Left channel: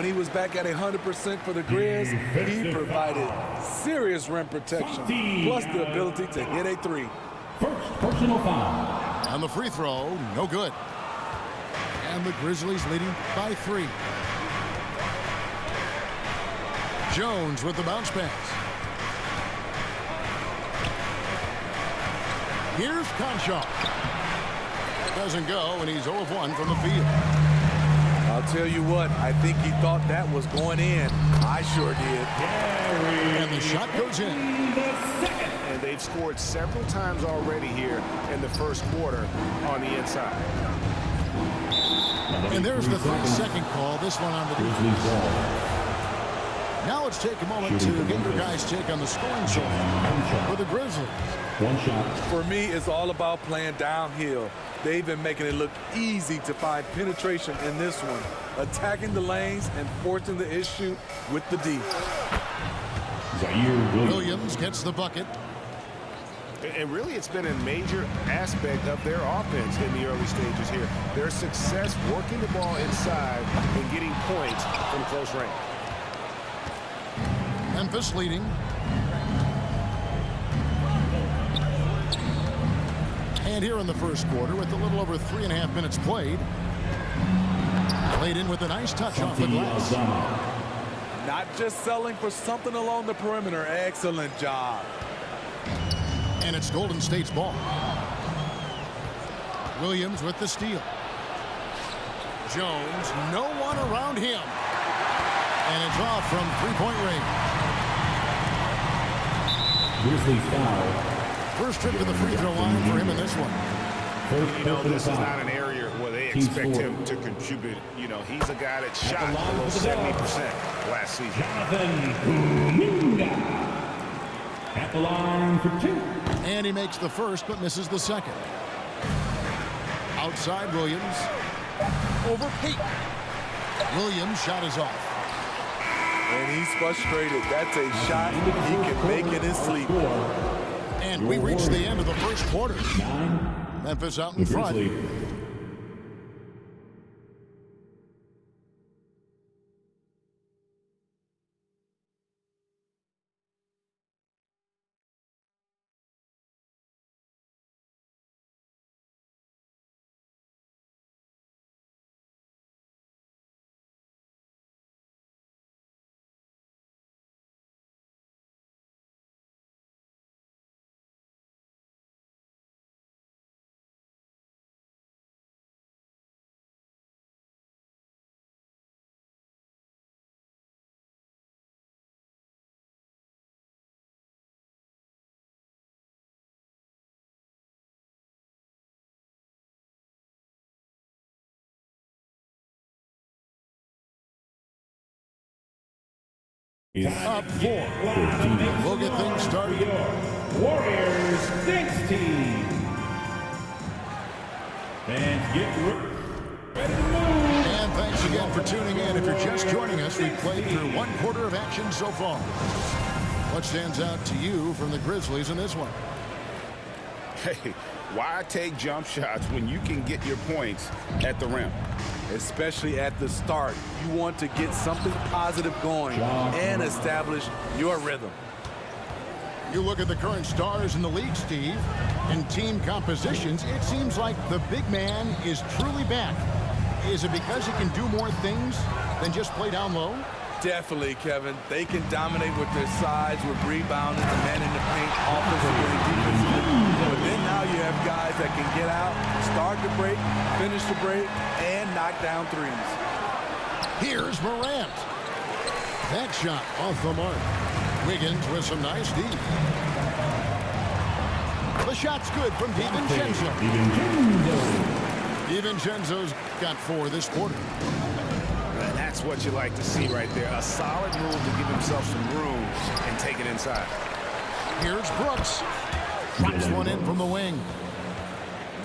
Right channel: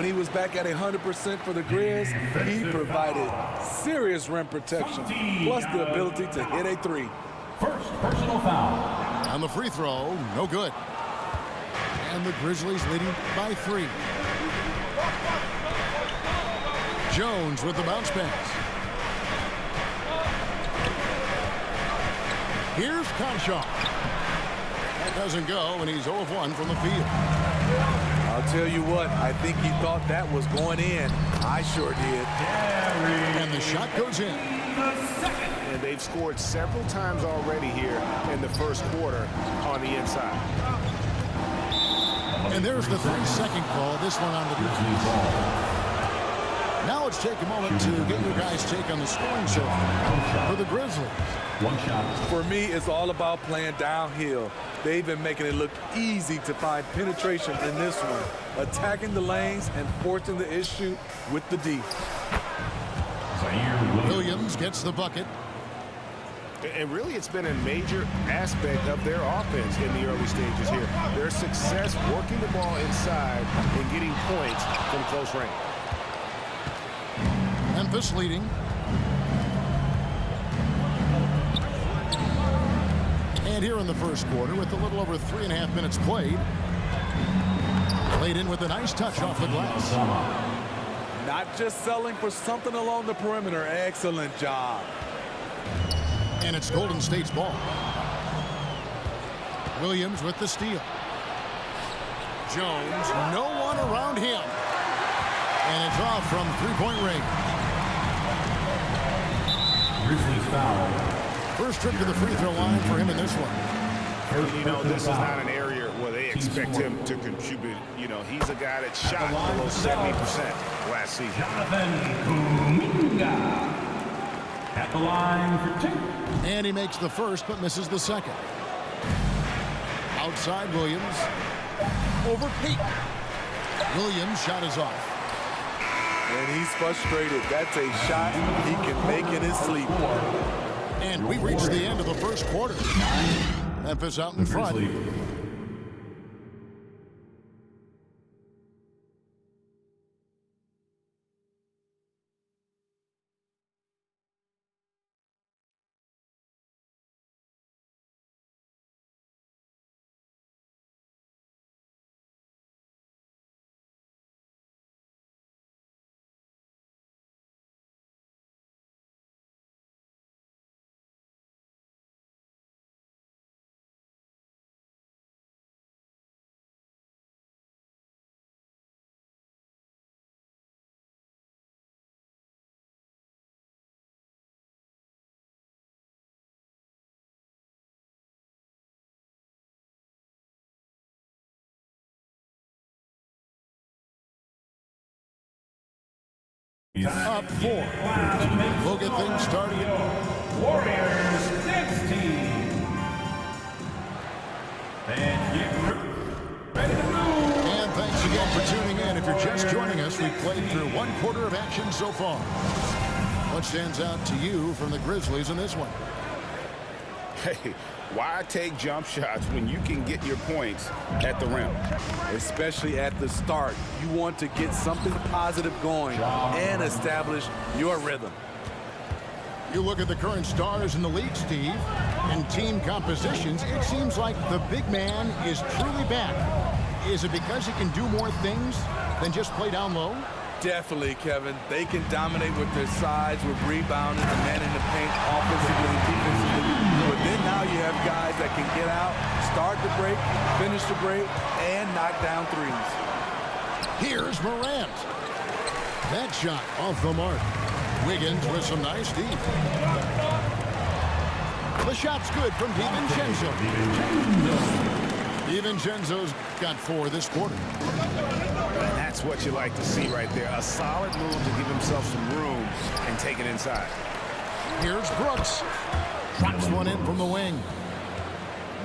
When he was back at 100% for the Grizz, he provided serious rim protection, plus the ability to hit a three. First personal foul. And the free throw, no good. And the Grizzlies leading by 3. Jones with the bounce pass. Here's Conchar. That doesn't go, and he's 0 of 1 from the field. I'll tell you what, I think he thought that was going in. I sure did. And the shot goes in. And they've scored several times already here in the first quarter on the inside. And there's the 3-second call, this one on the Grizzlies ball. Now let's take a moment to get your guys' take on the scoring so far for the Grizzlies. One shot. For me, it's all about playing downhill. They've been making it look easy to find penetration in this one, attacking the lanes and forcing the issue with the D. Williams gets the bucket. And really, it's been a major aspect of their offense in the early stages here. Their success working the ball inside and getting points from close range. Memphis leading. And here in the first quarter, with a little over 3.5 minutes played, laid in with a nice touch off the glass. Not just selling for something along the perimeter. Excellent job. And it's Golden State's ball. Williams with the steal. Jones, no one around him. And it's off from 3-point range. Grizzlies foul. First trip to the free throw line for him in this one. You know, this is not an area where they expect him to contribute. You know, he's a guy that shot below 70% last season. Jonathan Kuminga at the line for 2. And he makes the first but misses the second. Outside Williams. Over Peyton. Williams' shot is off. And he's frustrated. That's a shot he can make in his sleep. And we reach the end of the first quarter. Memphis out in front. Up 4. We'll get things started. Warriors next team. And get ready to move. And thanks again for tuning in. If you're just joining us, we've played through 1 quarter of action so far. What stands out to you from the Grizzlies in this one? Hey, why take jump shots when you can get your points at the rim? Especially at the start. You want to get something positive going and establish your rhythm. You look at the current stars in the league, Steve. In team compositions, it seems like the big man is truly back. Is it because he can do more things than just play down low? Definitely, Kevin. They can dominate with their size, with rebounding, and manning the paint offensively and defensively. But then now you have guys that can get out, start the break, finish the break, and knock down threes. Here's Morant. That shot off the mark. Wiggins with some nice D. The shot's good from DiVincenzo. DiVincenzo's got 4 this quarter. And that's what you like to see right there. A solid move to give himself some room and take it inside. Here's Brooks. Drops one in from the wing.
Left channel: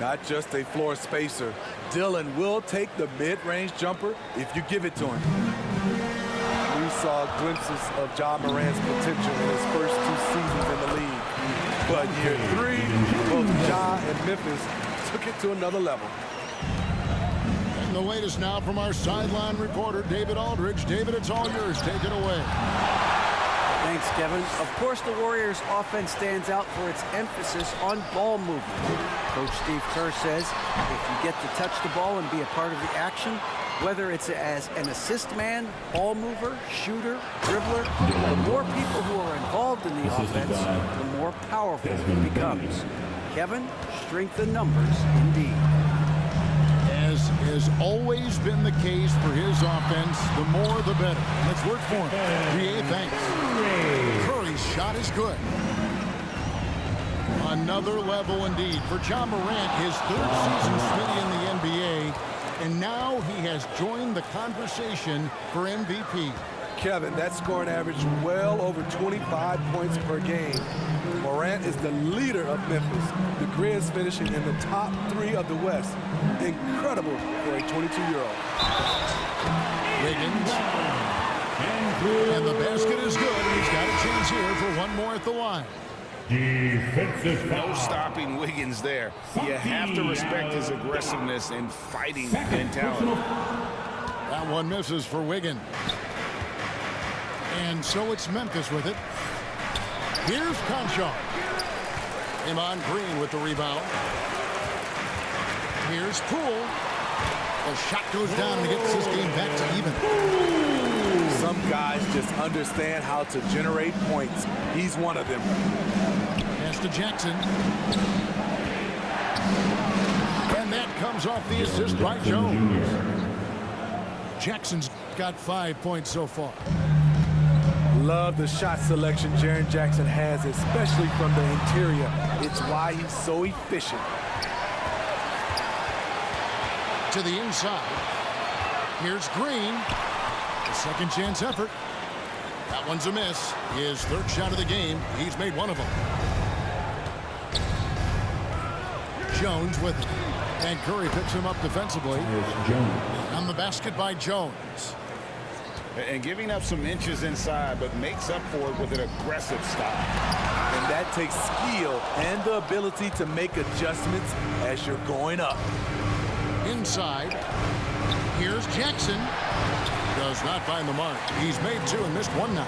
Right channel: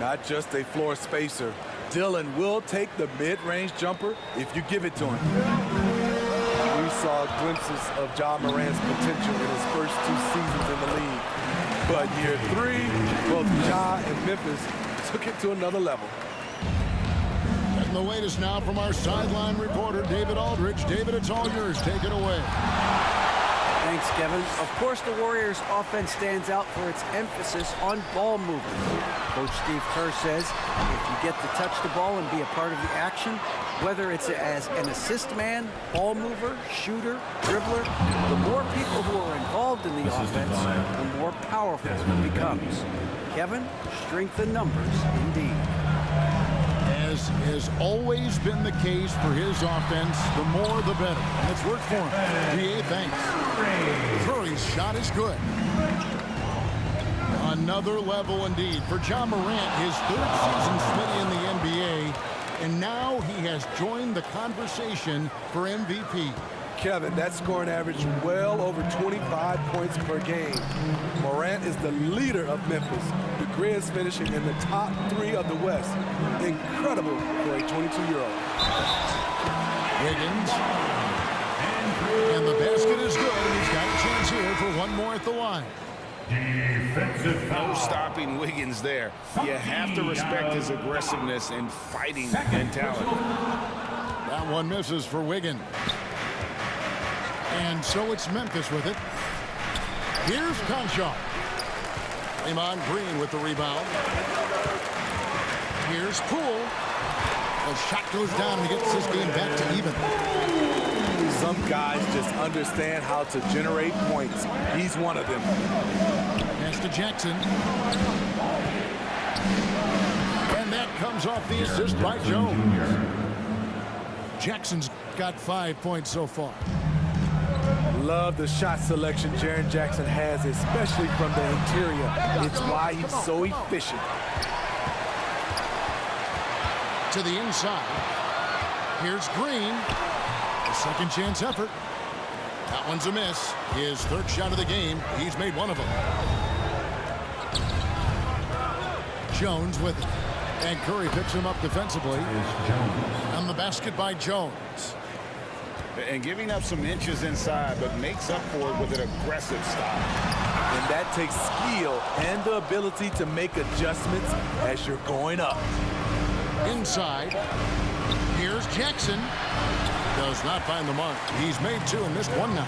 Not just a floor spacer. Dillon will take the mid-range jumper if you give it to him. We saw glimpses of Ja Morant's potential in his first 2 seasons in the league. But year 3, both Ja and Memphis took it to another level. And the latest now from our sideline reporter, David Aldridge. David, it's all yours. Take it away. Thanks, Kevin. Of course, the Warriors' offense stands out for its emphasis on ball movement. Coach Steve Kerr says if you get to touch the ball and be a part of the action, whether it's as an assist man, ball mover, shooter, dribbler, the more people who are involved in the offense, the more powerful it becomes. Kevin, strength in numbers indeed. As has always been the case for his offense, the more the better. And it's worked for him. GA, thanks. Curry's shot is good. Another level indeed for Ja Morant, his third season Smitty in the NBA. And now he has joined the conversation for MVP. Kevin, that scoring average well over 25 points per game. Morant is the leader of Memphis. The Grizz finishing in the top 3 of the West. Incredible for a 22-year-old. Wiggins. And the basket is good, and he's got a chance here for one more at the line. Defensive foul. No stopping Wiggins there. You have to respect his aggressiveness and fighting mentality. That one misses for Wiggins. And so it's Memphis with it. Here's Conchar. Draymond Green with the rebound. Here's Poole. The shot goes down and he gets this game back to even. Some guys just understand how to generate points. He's one of them. Pass to Jackson. And that comes off the assist by Jones. Jackson's got 5 points so far. Love the shot selection Jaren Jackson has, especially from the interior. It's why he's so efficient. To the inside. Here's Green. A second chance effort. That one's a miss. His third shot of the game. He's made one of them. Jones with it. And Curry picks him up defensively. It's Jones. And the basket by Jones. And giving up some inches inside, but makes up for it with an aggressive style. And that takes skill and the ability to make adjustments as you're going up. Inside. Here's Jackson. Does not find the mark. He's made 2 and missed 1 now.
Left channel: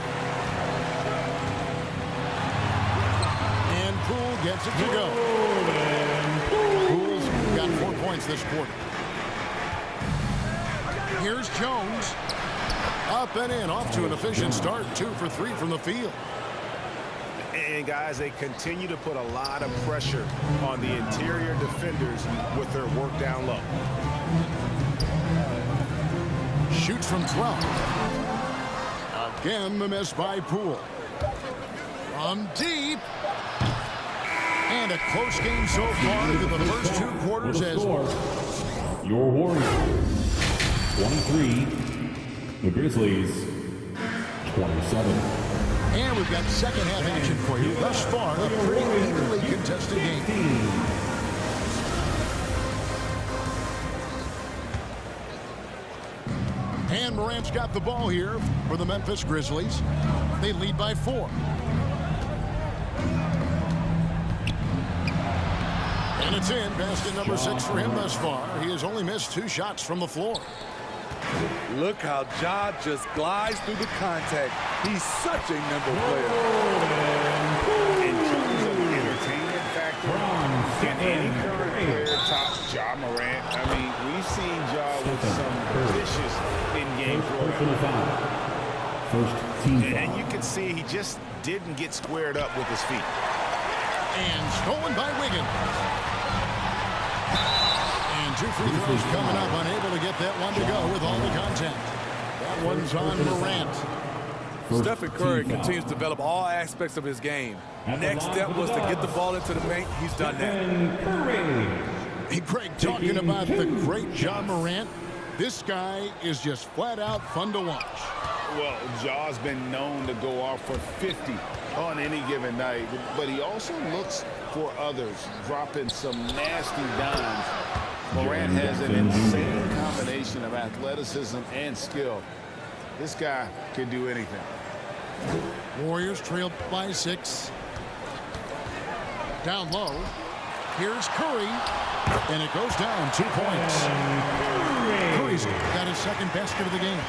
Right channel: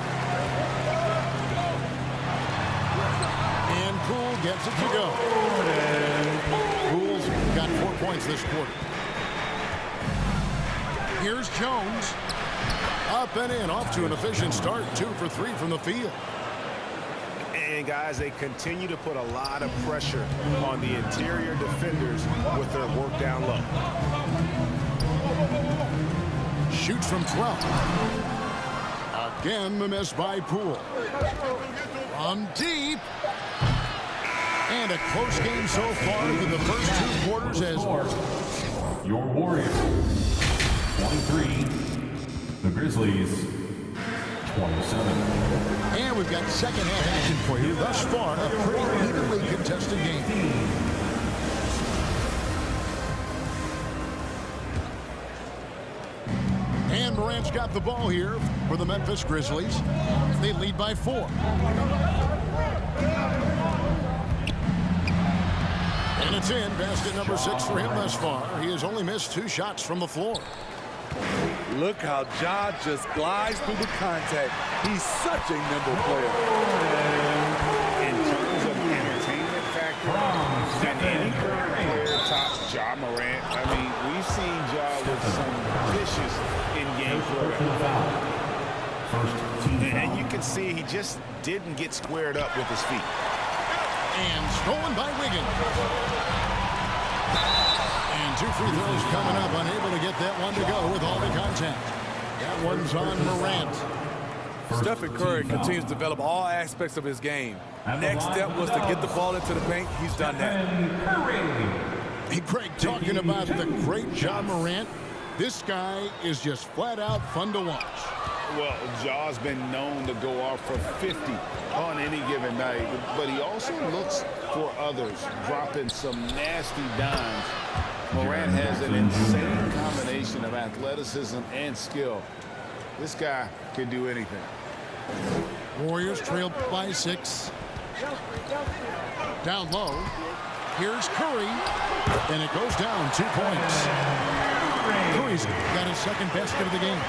And Poole gets it to go. Poole's got 4 points this quarter. Here's Jones. Up and in, off to an efficient start. 2 for 3 from the field. And guys, they continue to put a lot of pressure on the interior defenders with their work down low. Shoots from 12. Again, the miss by Poole. From deep. And a close game so far through the first 2 quarters as your Warriors 23, the Grizzlies 27. And we've got second half action for you. Thus far, a pretty evenly contested game. And Morant's got the ball here for the Memphis Grizzlies. They lead by 4. And it's in. Basket number 6 for him thus far. He has only missed 2 shots from the floor. Look how Ja just glides through the contact. He's such a nimble player. In terms of entertainment factor, can any current player top Ja Morant? I mean, we've seen Ja with some vicious in-game throwdown. First team foul. And you can see he just didn't get squared up with his feet. And stolen by Wiggins. And 2 free throws coming up. Unable to get that one to go with all the contact. That one's on Morant. Stephen Curry continues to develop all aspects of his game. Next step was to get the ball into the paint. He's done that. Hey, Craig, talking about the great Ja Morant, this guy is just flat out fun to watch. Well, Ja's been known to go off for 50 on any given night, but he also looks for others, dropping some nasty dimes. Morant has an insane combination of athleticism and skill. This guy can do anything. Warriors trail by 6. Down low. Here's Curry. And it goes down 2 points. Curry's got his second basket of the game.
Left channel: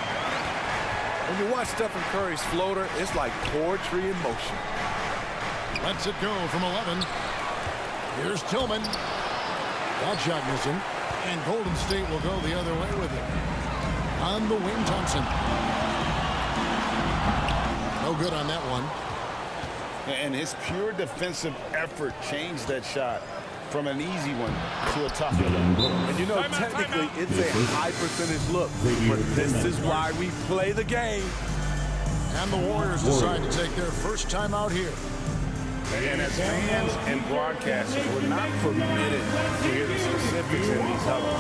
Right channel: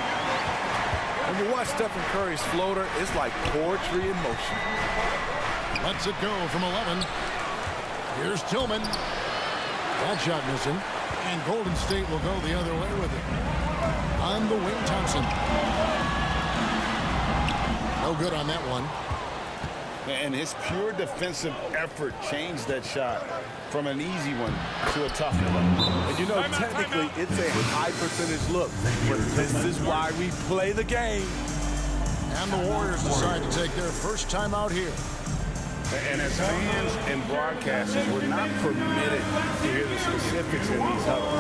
When you watch Stephen Curry's floater, it's like poetry in motion. Lets it go from 11. Here's Tillman. That shot missing. And Golden State will go the other way with it. On the wing, Thompson. No good on that one. And his pure defensive effort changed that shot from an easy one to a tough one. And you know, technically, it's a high percentage look. But this is why we play the game. And the Warriors decide to take their first time out here. And as fans and broadcasters, we're not permitted to hear the specifics in these huddles.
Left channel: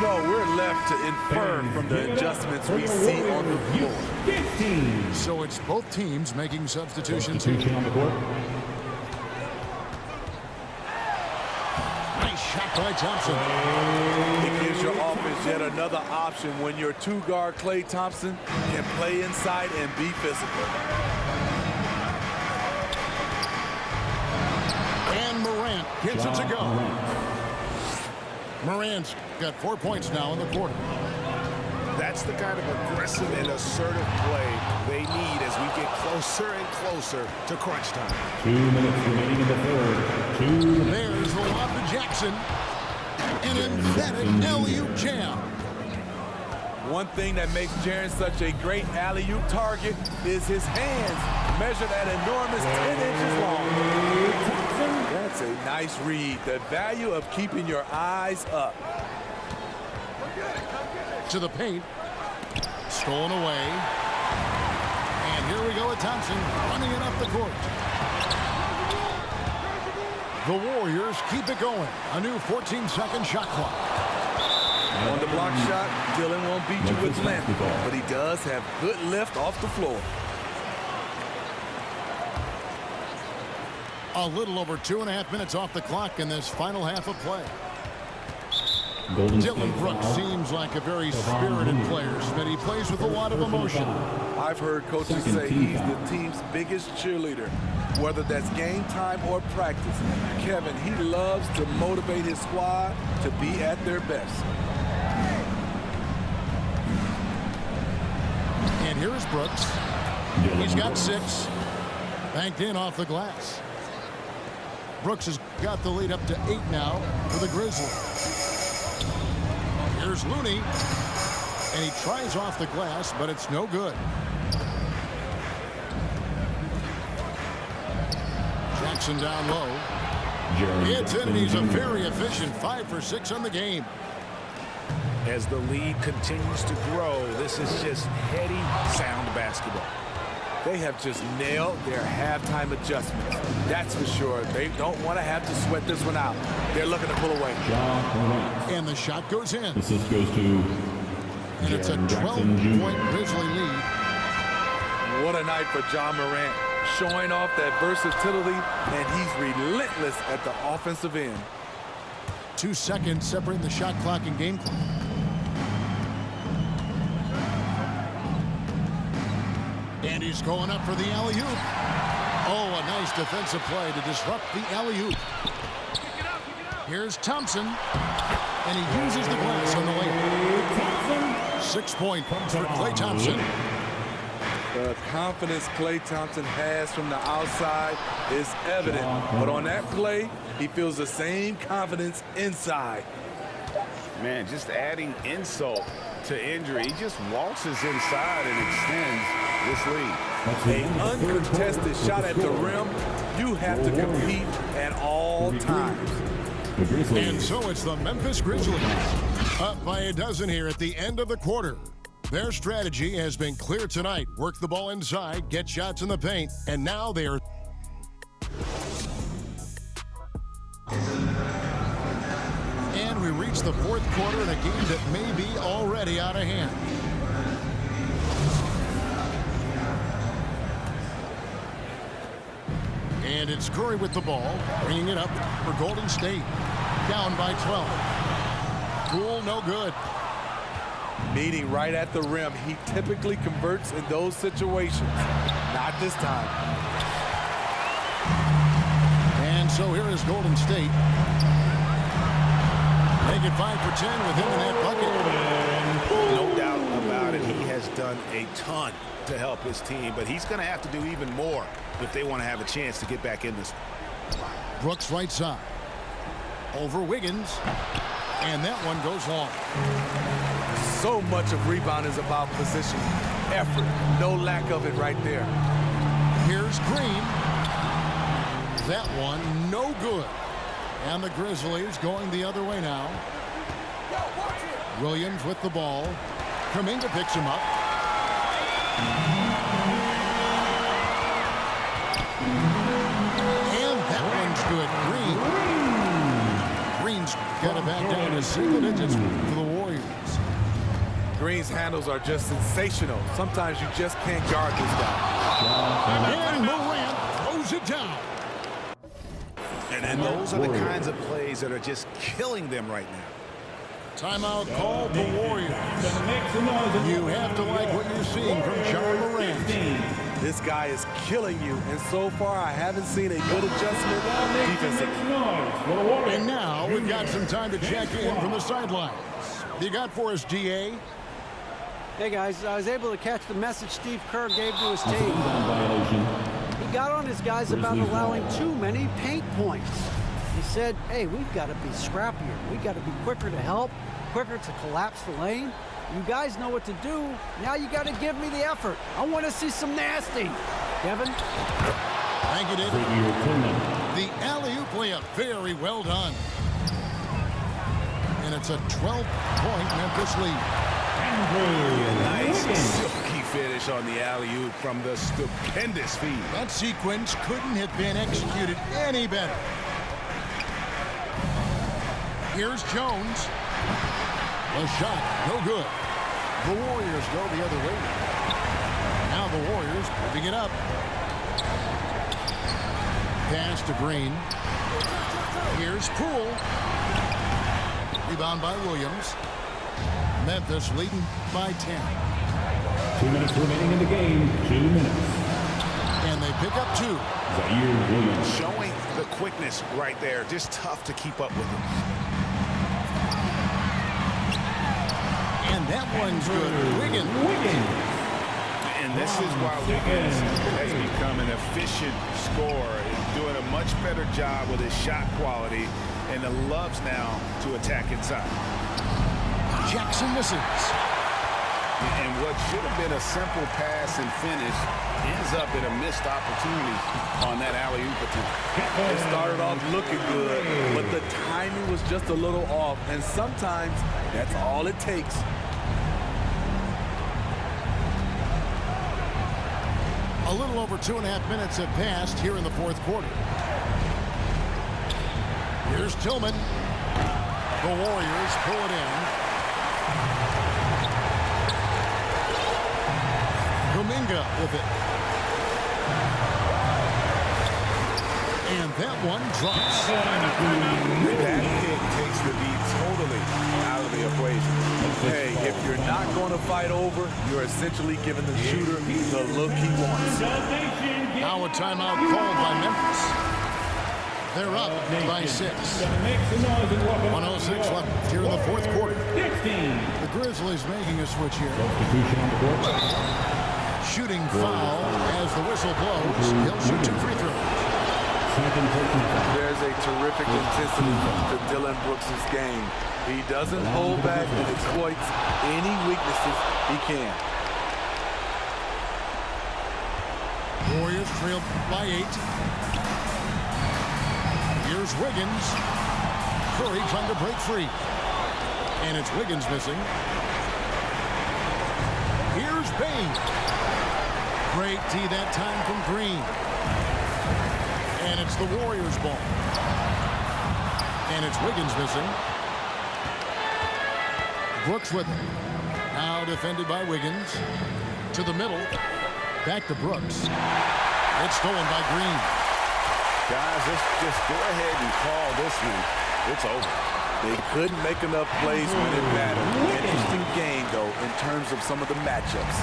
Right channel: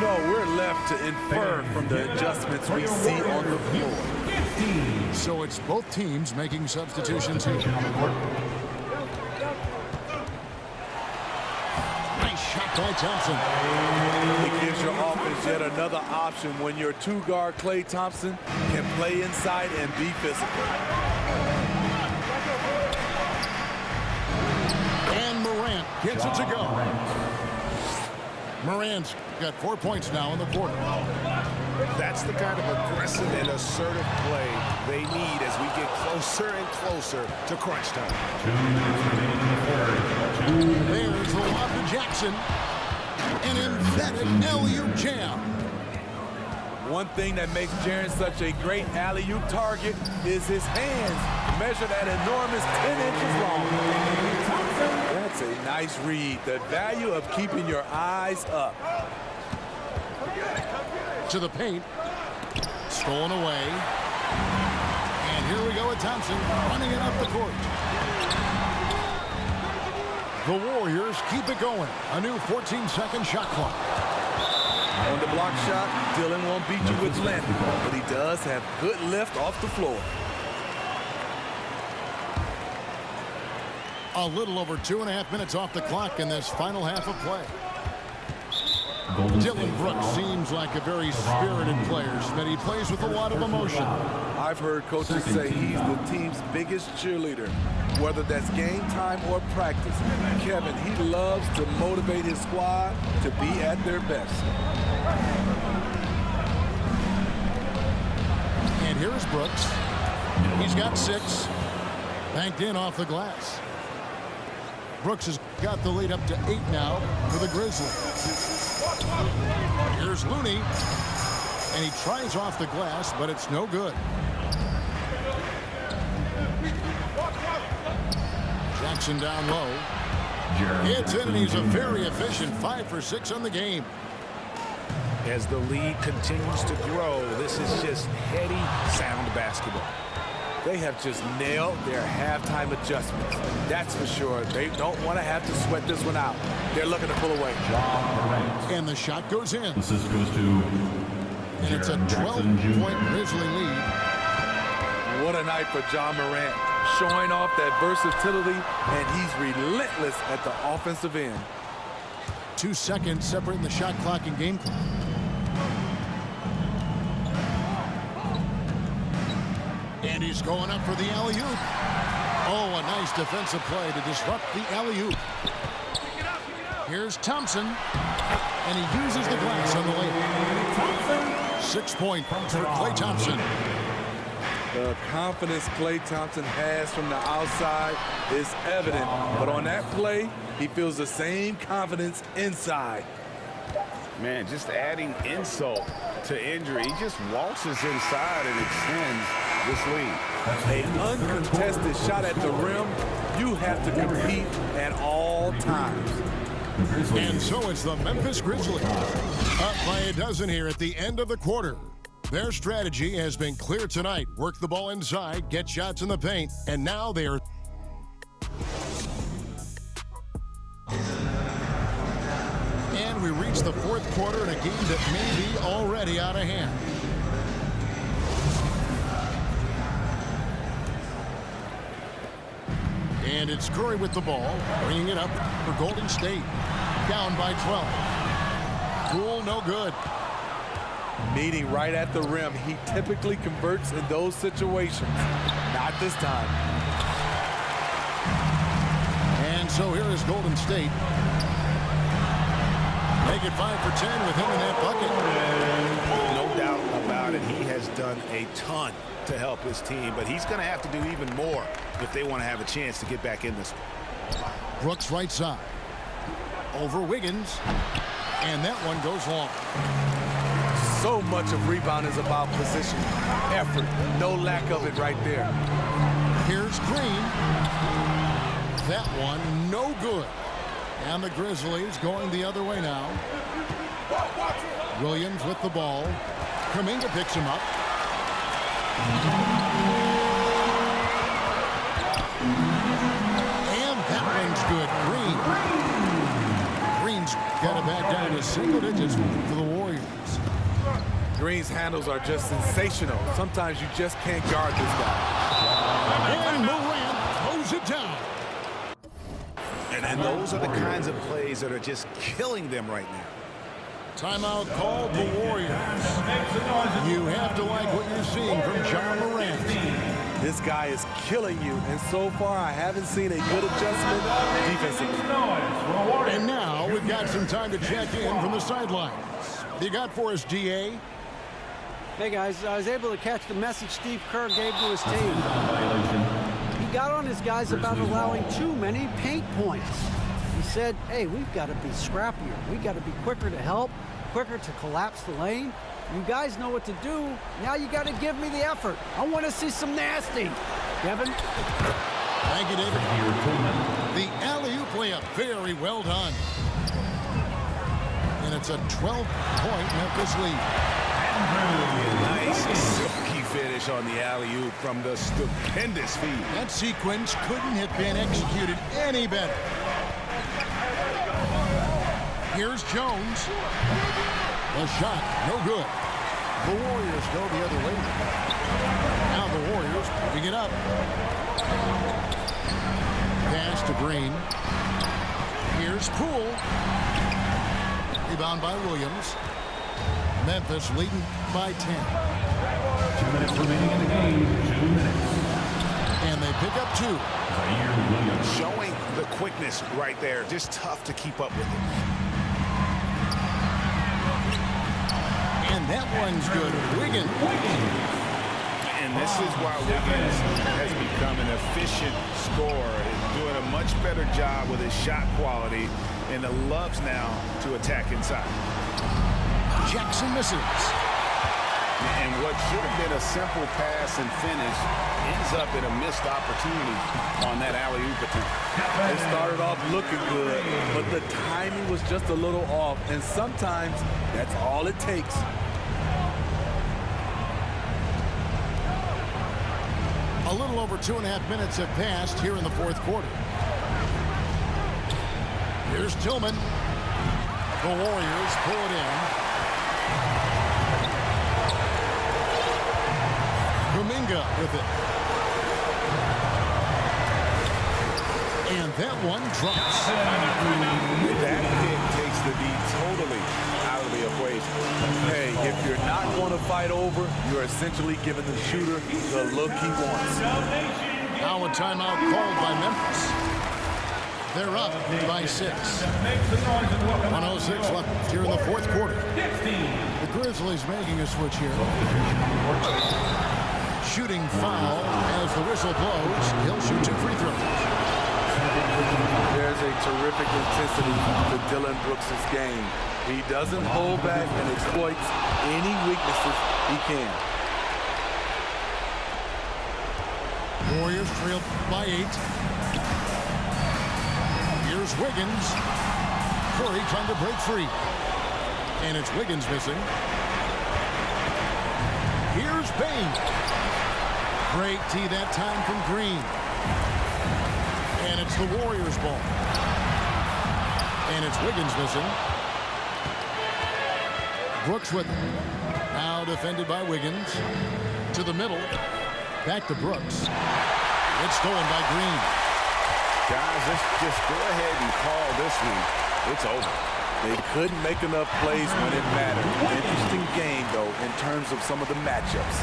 No, we're left to infer from the adjustments we see on the floor. So it's both teams making substitutions here. On the court. Nice shot by Thompson. It gives your offense yet another option when your two-guard Klay Thompson can play inside and be physical. And Morant gets it to go. Morant's got 4 points now in the quarter. That's the kind of aggressive and assertive play they need as we get closer and closer to crunch time. 2 minutes remaining in the third. There's the lob to Jackson. An emphatic alley-oop jam. One thing that makes Jaren such a great alley-oop target is his hands, measured at enormous 10 inches long. That's a nice read. The value of keeping your eyes up. To the paint. Stolen away. And here we go with Thompson running it up the court. The Warriors keep it going. A new 14-second shot clock. On the block shot, Dylan won't beat you with length, but he does have good lift off the floor. A little over 2.5 minutes off the clock in this final half of play. Dylan Brooks seems like a very spirited player, but he plays with a lot of emotion. I've heard coaches say he's the team's biggest cheerleader, whether that's game time or practice. Kevin, he loves to motivate his squad to be at their best. And here is Brooks. He's got 6. Banked in off the glass. Brooks has got the lead up to 8 now for the Grizzlies. Here's Looney. And he tries off the glass, but it's no good. Jackson down low. It's in, and he's a very efficient 5 for 6 on the game. As the lead continues to grow, this is just heady, sound basketball. They have just nailed their halftime adjustments. That's for sure. They don't want to have to sweat this one out. They're looking to pull away. And the shot goes in. Assist goes to And it's a 12-point Grizzly lead. What a night for Ja Morant, showing off that versatility, and he's relentless at the offensive end. 2 seconds separating the shot clock and game clock. And he's going up for the alley-oop. Oh, a nice defensive play to disrupt the alley-oop. Here's Thompson. And he uses the glass on the layup. 6 points for Klay Thompson. The confidence Klay Thompson has from the outside is evident. But on that play, he feels the same confidence inside. Man, just adding insult to injury. He just waltzes inside and extends this lead. An uncontested shot at the rim, you have to compete at all times. And so it's the Memphis Grizzlies up by a dozen here at the end of the quarter. Their strategy has been clear tonight. Work the ball inside, get shots in the paint, and now they're... And we reach the fourth quarter in a game that may be already out of hand. And it's Curry with the ball, bringing it up for Golden State. Down by 12. Poole, no good. Meeting right at the rim, he typically converts in those situations. Not this time. And so here is Golden State. Make it 5 for 10 with him in that bucket. No doubt about it. He has done a ton to help his team, but he's going to have to do even more if they want to have a chance to get back in this. Brooks right side. Over Wiggins. And that one goes long. So much of rebound is about position, effort. No lack of it right there. Here's Green. That one no good. And the Grizzlies going the other way now. Williams with the ball. Kuminga picks him up. And that one's good. Green's got it back down to single digits for the Warriors. Green's handles are just sensational. Sometimes you just can't guard this guy. And Morant throws it down. And those are the kinds of plays that are just killing them right now. Timeout called the Warriors. You have to like what you're seeing from John Morant. This guy is killing you, and so far I haven't seen a good adjustment defensively. And now we've got some time to check in from the sidelines. You got for us, DA? Hey, guys, I was able to catch the message Steve Kerr gave to his team. He got on his guys about allowing too many paint points. He said, hey, we've got to be scrappier. We've got to be quicker to help, quicker to collapse the lane. You guys know what to do. Now you got to give me the effort. I want to see some nasty. Kevin? Thank you, David. The alley-oop layup, very well done. And it's a 12-point Memphis lead. Yeah, nice silky finish on the alley-oop from the stupendous feed. That sequence couldn't have been executed any better. Here's Jones. The shot, no good. The Warriors go the other way. Now the Warriors moving it up. Pass to Green. Here's Poole. Rebound by Williams. Memphis leading by 10. 2 minutes remaining in the game. 2 minutes. And they pick up 2. Zaire Williams. Showing the quickness right there. Just tough to keep up with it. And that one's good. Wiggins. And this is why Wiggins has become an efficient scorer, doing a much better job with his shot quality, and loves now to attack inside. Jackson misses. And what should have been a simple pass and finish ends up in a missed opportunity on that alley-oop attempt. It started off looking good, but the timing was just a little off, and sometimes that's all it takes. A little over 2.5 minutes have passed here in the fourth quarter. Here's Tillman. The Warriors pull it in. Kuminga with it. And that one drops. That pick takes the D totally out of the equation. Hey, if you're not going to fight over, you're essentially giving the shooter the look he wants. Now a timeout called by Memphis. They're up by 6. 1:06 left here in the fourth quarter. The Grizzlies making a switch here. Shooting foul as the whistle blows. He'll shoot 2 free throws. There's a terrific intensity to Dillon Brooks' game. He doesn't hold back and exploits any weaknesses he can. Warriors trail by 8. Here's Wiggins. Curry trying to break free. And it's Wiggins missing. Here's Bain. Great D that time from Green. And it's the Warriors' ball. And it's Wiggins missing. Brooks with it. Now defended by Wiggins. To the middle. Back to Brooks. It's stolen by Green. Guys, let's just go ahead and call this one. It's over. They couldn't make enough plays when it mattered. Interesting game, though, in terms of some of the matchups.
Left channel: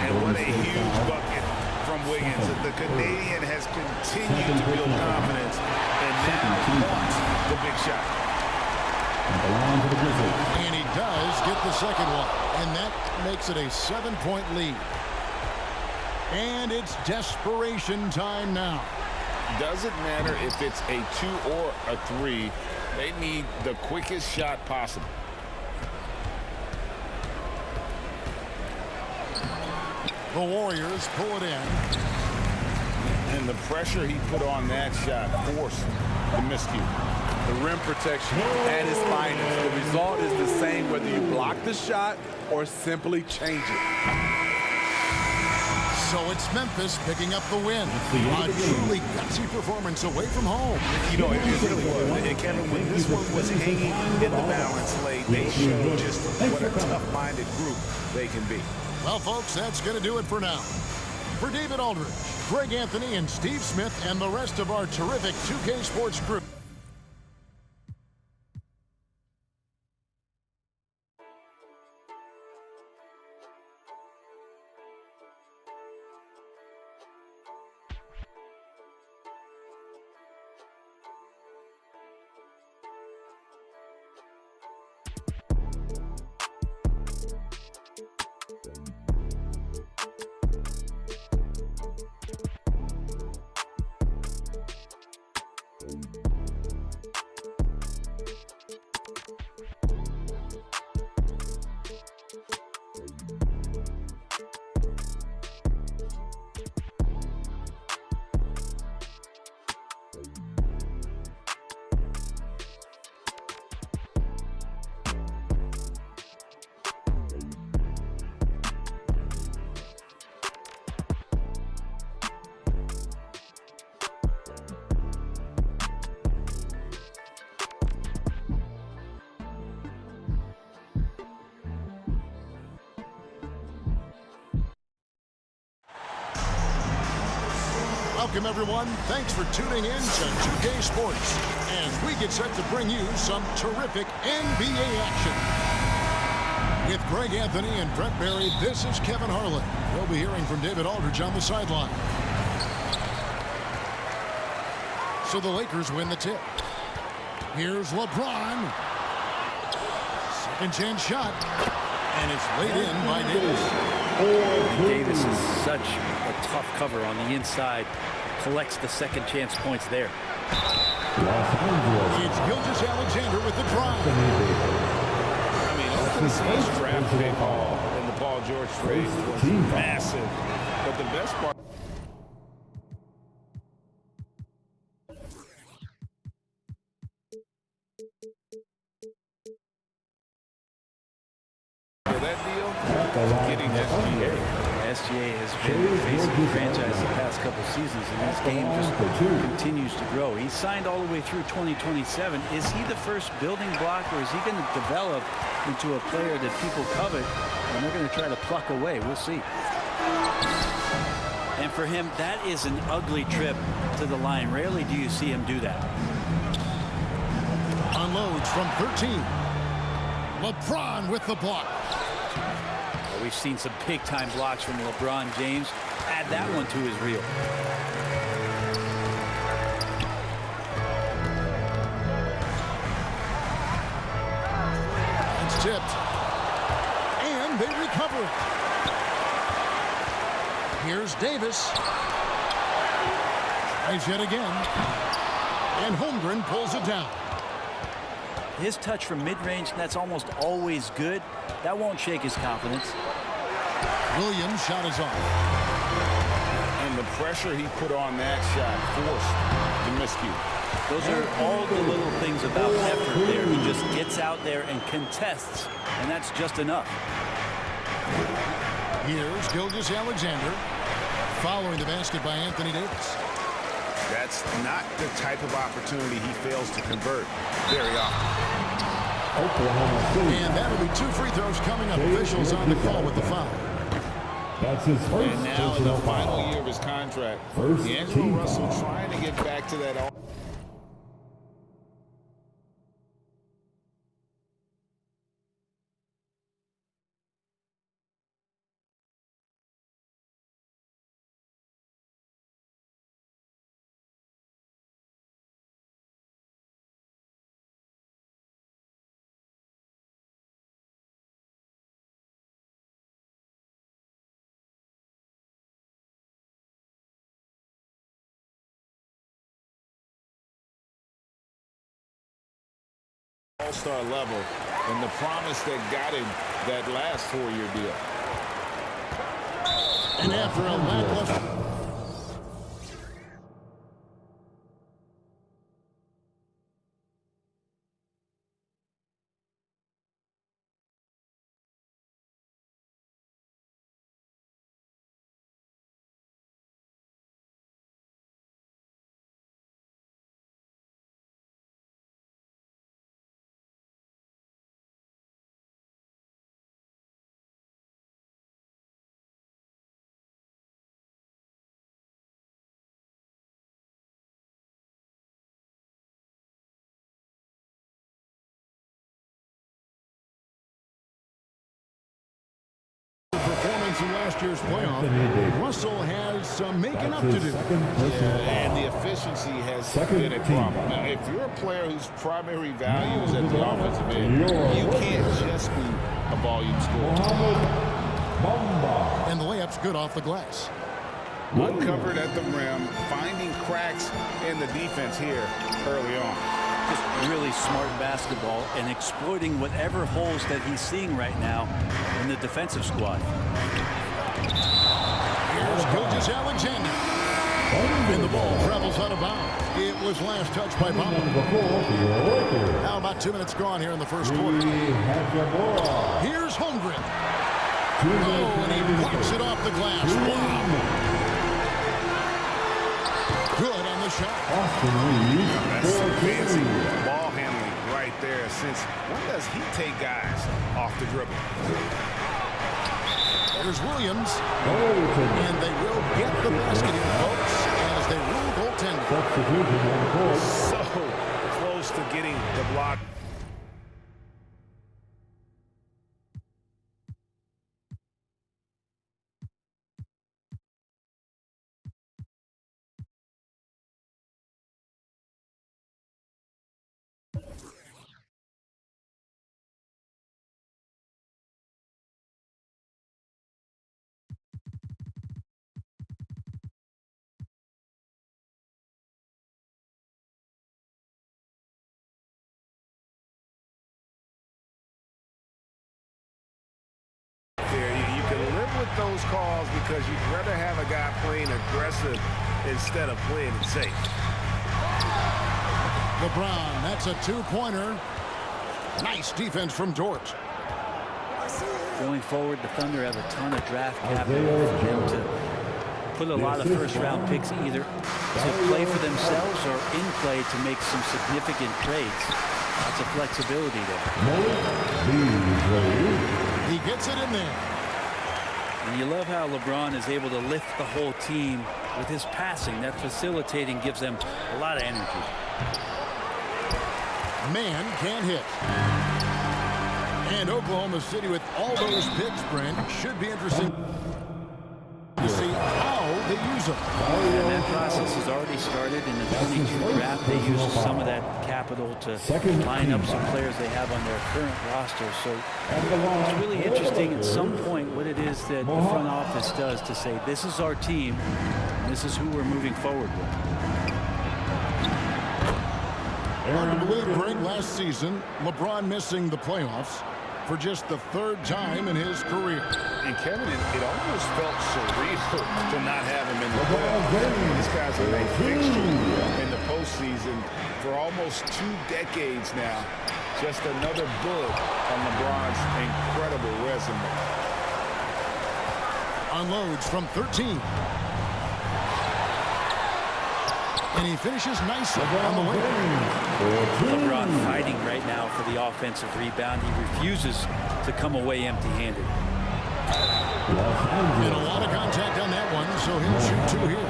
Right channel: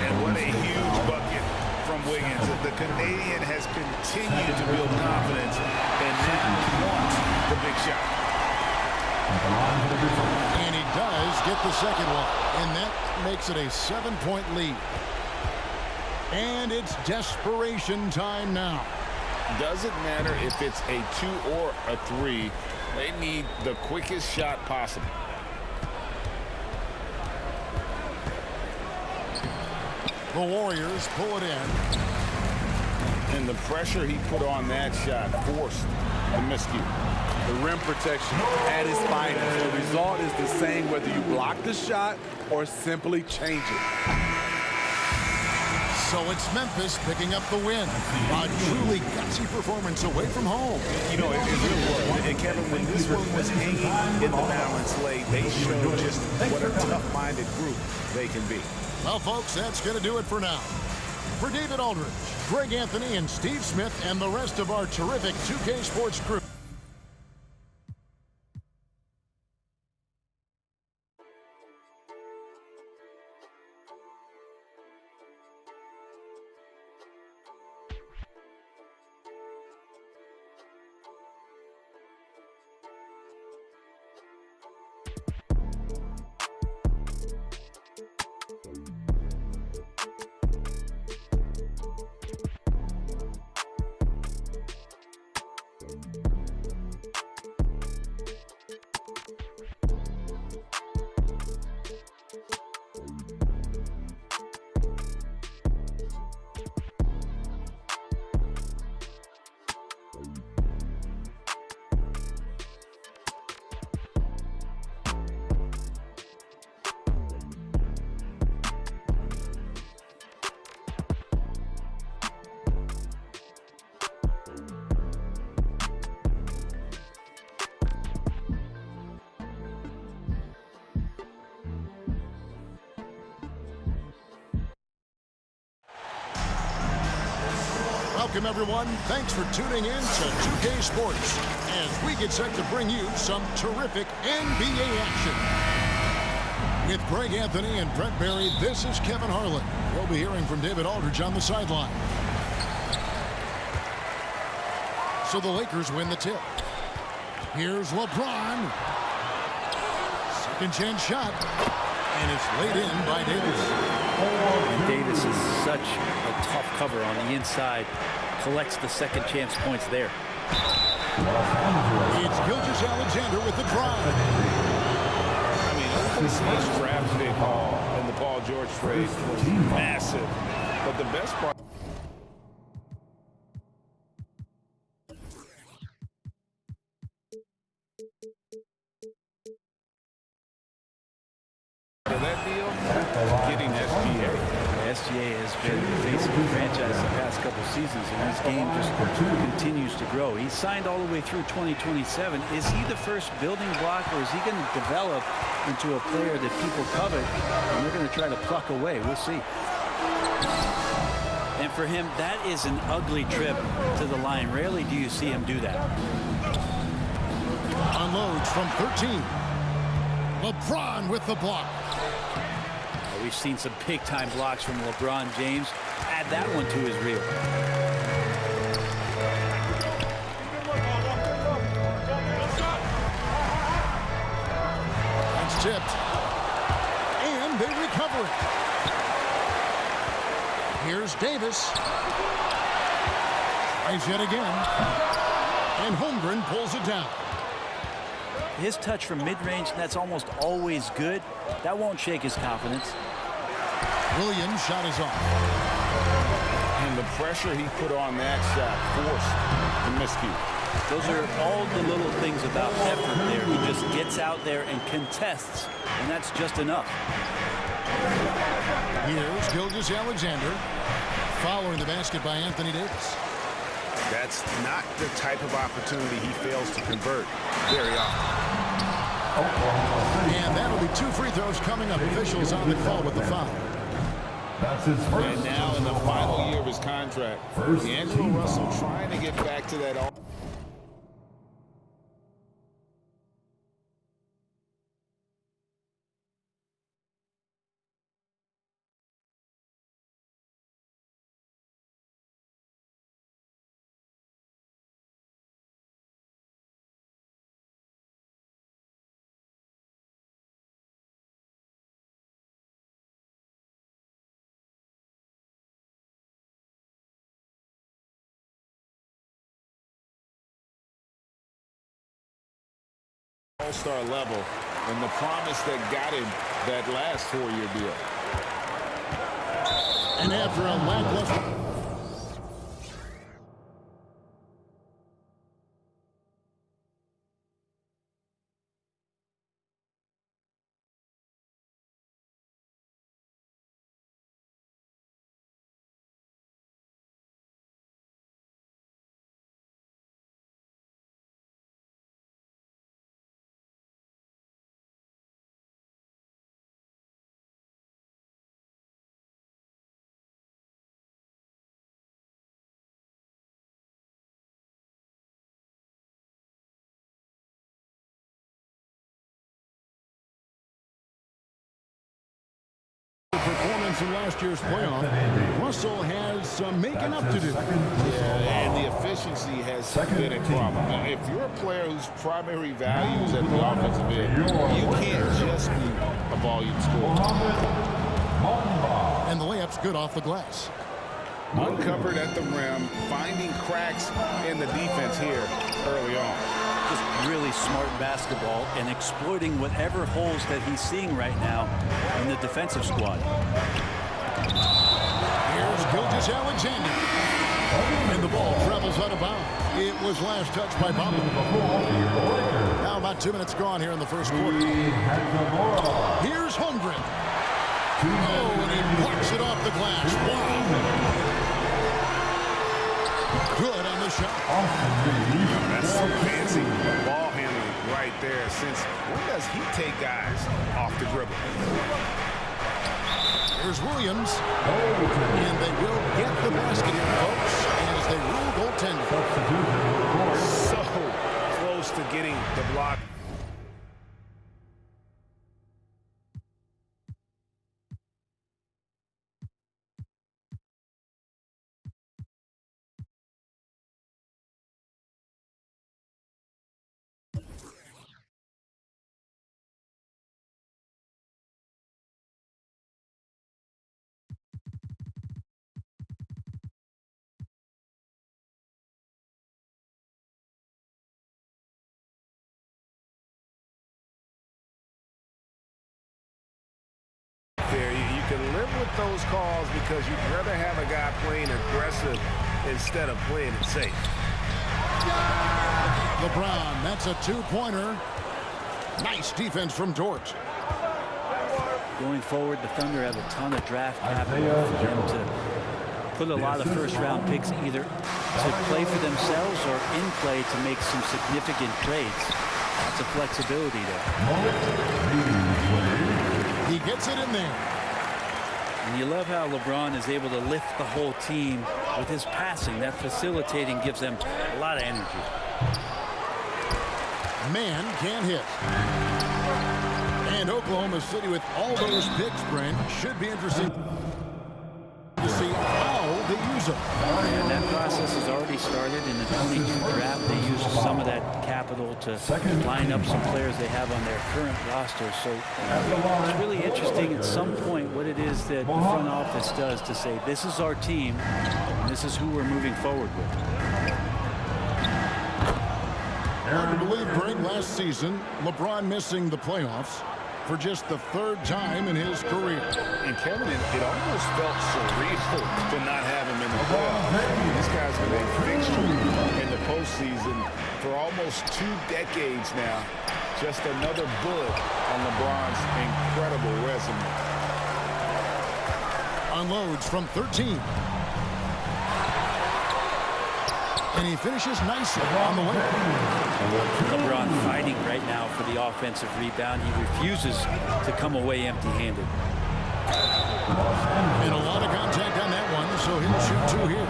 And what a huge bucket from Wiggins. The Canadian has continued to build confidence and now wants the big shot. At the line for the Grizzlies. And he does get the second one. And that makes it a 7-point lead. And it's desperation time now. Doesn't matter if it's a 2 or a 3. They need the quickest shot possible. The Warriors pull it in. And the pressure he put on that shot forced the miscue. The rim protection at its finest. The result is the same whether you block the shot or simply change it. So it's Memphis picking up the win. A truly gutsy performance away from home. You know, it really was. And Kevin, when this one was hanging in the balance late, they showed just what a tough-minded group they can be. Well, folks, that's going to do it for now. For David Aldridge, Greg Anthony, and Steve Smith, and the rest of our terrific 2K Sports crew. Welcome, everyone. Thanks for tuning in to 2K Sports as we get set to bring you some terrific NBA action. With Greg Anthony and Brett Barry, this is Kevin Harlan. We'll be hearing from David Aldridge on the sideline. So the Lakers win the tip. Here's LeBron. Second chance shot. And it's laid in by Davis. And Davis is such a tough cover on the inside. Collects the second chance points there. It's Gilgeous-Alexander with the drive. I mean, OKC's draft pick haul in the Paul George trade was massive. But the best part of that deal, getting SGA. SGA has been the face of the franchise the past couple seasons, and his game just continues to grow. He's signed all the way through 2027. Is he the first building block, or is he going to develop into a player that people covet and they're going to try to pluck away? We'll see. And for him, that is an ugly trip to the line. Rarely do you see him do that. Unloads from 13. LeBron with the block. We've seen some big-time blocks from LeBron James. Add that one to his reel. It's tipped. And they recover it. Here's Davis. Tries yet again. And Holmgren pulls it down. His touch from mid-range, that's almost always good. That won't shake his confidence. Williams' shot is off. and the pressure he put on that shot forced the miscue. Those are all the little things about effort there. He just gets out there and contests, and that's just enough. Here's Gilgeous-Alexander following the basket by Anthony Davis. That's not the type of opportunity he fails to convert very often. Oklahoma City. And that'll be 2 free throws coming up. Officials on the call with the foul. That's his first. And now in the personal final foul. year of his contract, First D'Angelo team Russell foul. trying to get back to that all-star level and the promise that got him that last 4-year deal. And after a lackluster... performance in last year's playoff, Russell has some making up to do. Yeah, and the efficiency has been a problem. Now, if you're a player whose primary value is at the offensive end, you can't just be a volume scorer. And the layup's good off the glass. Uncovered at the rim, finding cracks in the defense here early on. Just really smart basketball and exploiting whatever holes that he's seeing right now in the defensive squad. Here's Gilgeous-Alexander. And the ball travels out of bounds. It was last touched by Bamba. Now about 2 minutes gone here in the first quarter. Here's Holmgren. Oh, and he blocks it off the glass. Wow. Good on the shot. That's some fancy ball handling right there. Since when does he take guys off the dribble? Here's Williams. And they will get the basket here, folks, as they rule goaltending. So close to getting the block. There, you can live with those calls because you'd rather have a guy playing aggressive instead of playing it safe. LeBron, that's a two-pointer. Nice defense from Dort. Going forward, the Thunder have a ton of draft capital for them to put a lot of first-round picks either to play for themselves or in play to make some significant trades. Lots of flexibility there. He gets it in there. And you love how LeBron is able to lift the whole team with his passing. That facilitating gives them a lot of energy. Man can't hit. And Oklahoma City with all those picks, Brent, should be interesting to see how they use them. And that process has already started in the 22 draft. They used some of that capital to line up some players they have on their current roster. So it's really interesting at some point what it is that the front office does to say, this is our team, and this is who we're moving forward with. Hard to believe, Greg, last season, LeBron missing the playoffs for just the third time in his career. And Kevin, it almost felt surreal to not have him in the playoffs. This guy's been a fixture in the postseason for almost 2 decades now. Just another bullet on LeBron's incredible resume. Unloads from 13. And he finishes nicely on the way. LeBron fighting right now for the offensive rebound. He refuses to come away empty-handed. And a lot of contact on that one, so he'll shoot 2 here.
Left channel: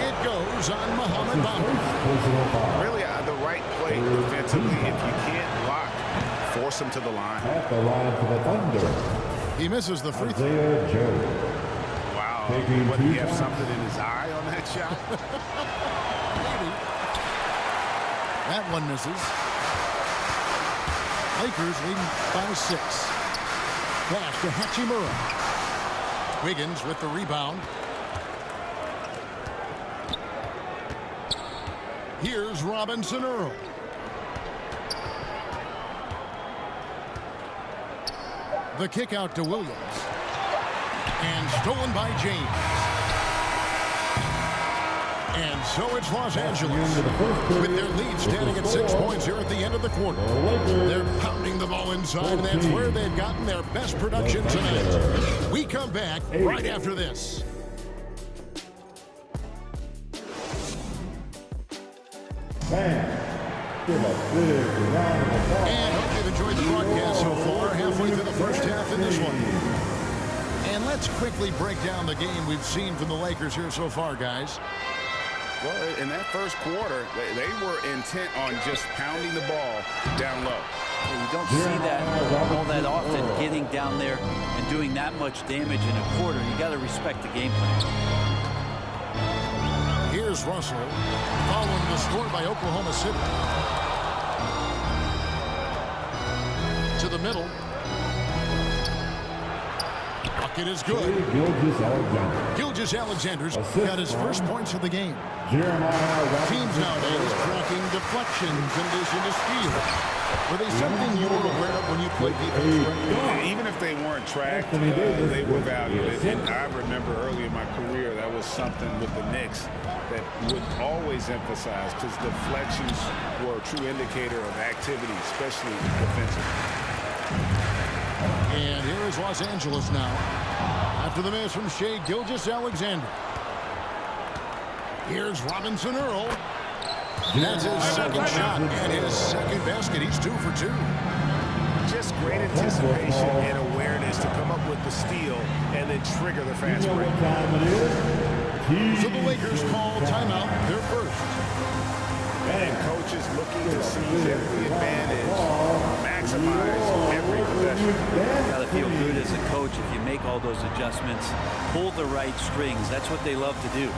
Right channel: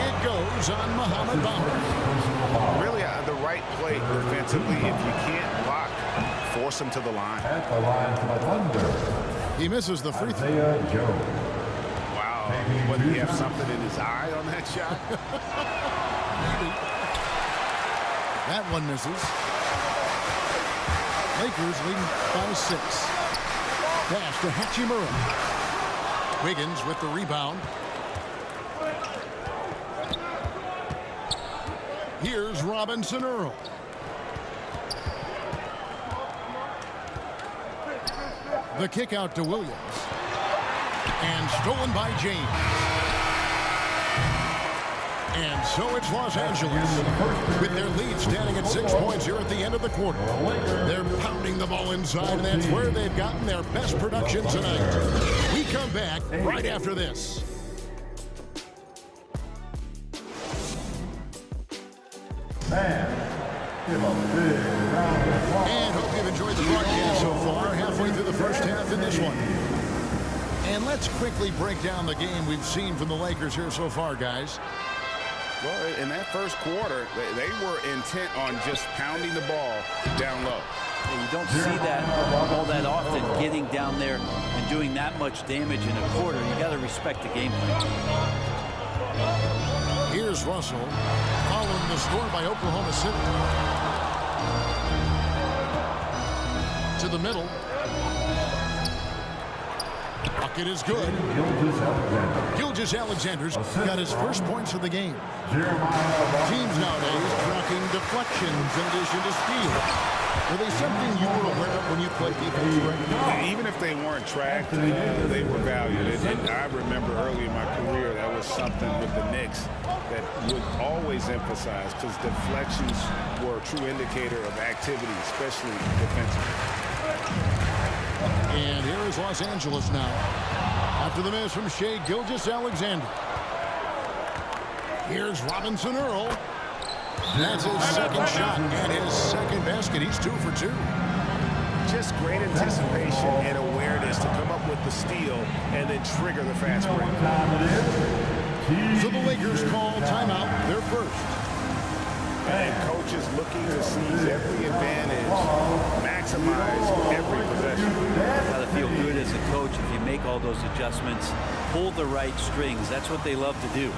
It goes on Mohamed Bamba. Really the right play defensively. If you can't block, force him to the line. At the line for the Thunder, He misses the free throw. Isaiah Joe. Wow. What, did he have something in his eye on that shot? Maybe. That one misses. Lakers leading by 6. Pass to Hachimura. Wiggins with the rebound. Here's Robinson Earl. The kick out to Williams. And stolen by James. And so it's Los Angeles with their lead standing at 6 points here at the end of the quarter. They're pounding the ball inside, and that's where they've gotten their best production tonight. We come back right after this. Give a big round of applause. And hope you've enjoyed the broadcast so far, halfway through the first half in this one. And let's quickly break down the game we've seen from the Lakers here so far, guys. Well, in that first quarter, they were intent on just pounding the ball down low. Yeah, you don't see that all that often, getting down there and doing that much damage in a quarter. You got to respect the game plan. Here's Russell, following the score by Oklahoma City. To the middle. Bucket is good. Gilgeous-Alexander's got his first points of the game. Teams nowadays tracking deflections in addition to steals. Were they something you were aware of when you played defense? Right? Even if they weren't tracked, they were valued. And I remember early in my career, that was something with the Knicks that would always emphasize, because deflections were a true indicator of activity, especially defensively. And here is Los Angeles now. After the miss from Shai Gilgeous-Alexander. Here's Robinson Earl. That's his second shot and his second basket. He's 2 for 2. Just great anticipation and awareness to come up with the steal and then trigger the fast break. So the Lakers call timeout, their first. And coaches looking to seize every advantage, maximize every possession. Got to feel good as a coach if you make all those adjustments, pull the right strings. That's what they love to do.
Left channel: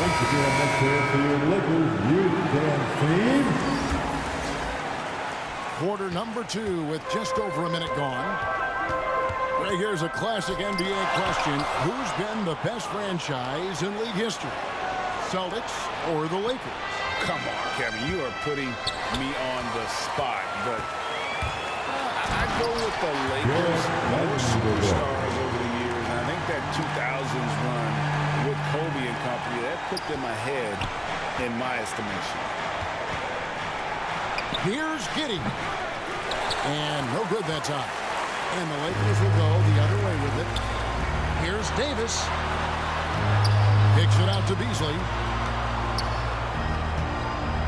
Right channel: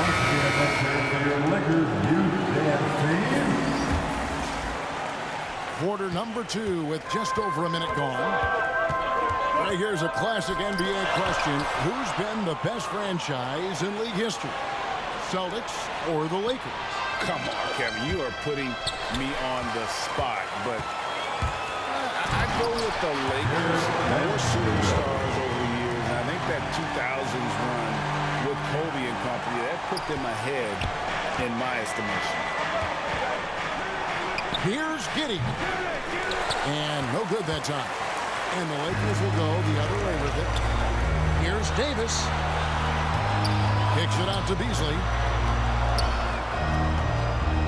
Once again, let's hear it for your Lakers youth dance team. Quarter number 2 with just over a minute gone. Right here's a classic NBA question. Who's been the best franchise in league history? Celtics or the Lakers? Come on, Kevin. You are putting me on the spot, but I go with the Lakers. More superstars over the years, and I think that 2000s run with Kobe and company, that put them ahead in my estimation. Here's Giddey. And no good that time. And the Lakers will go the other way with it. Here's Davis. Kicks it out to Beasley.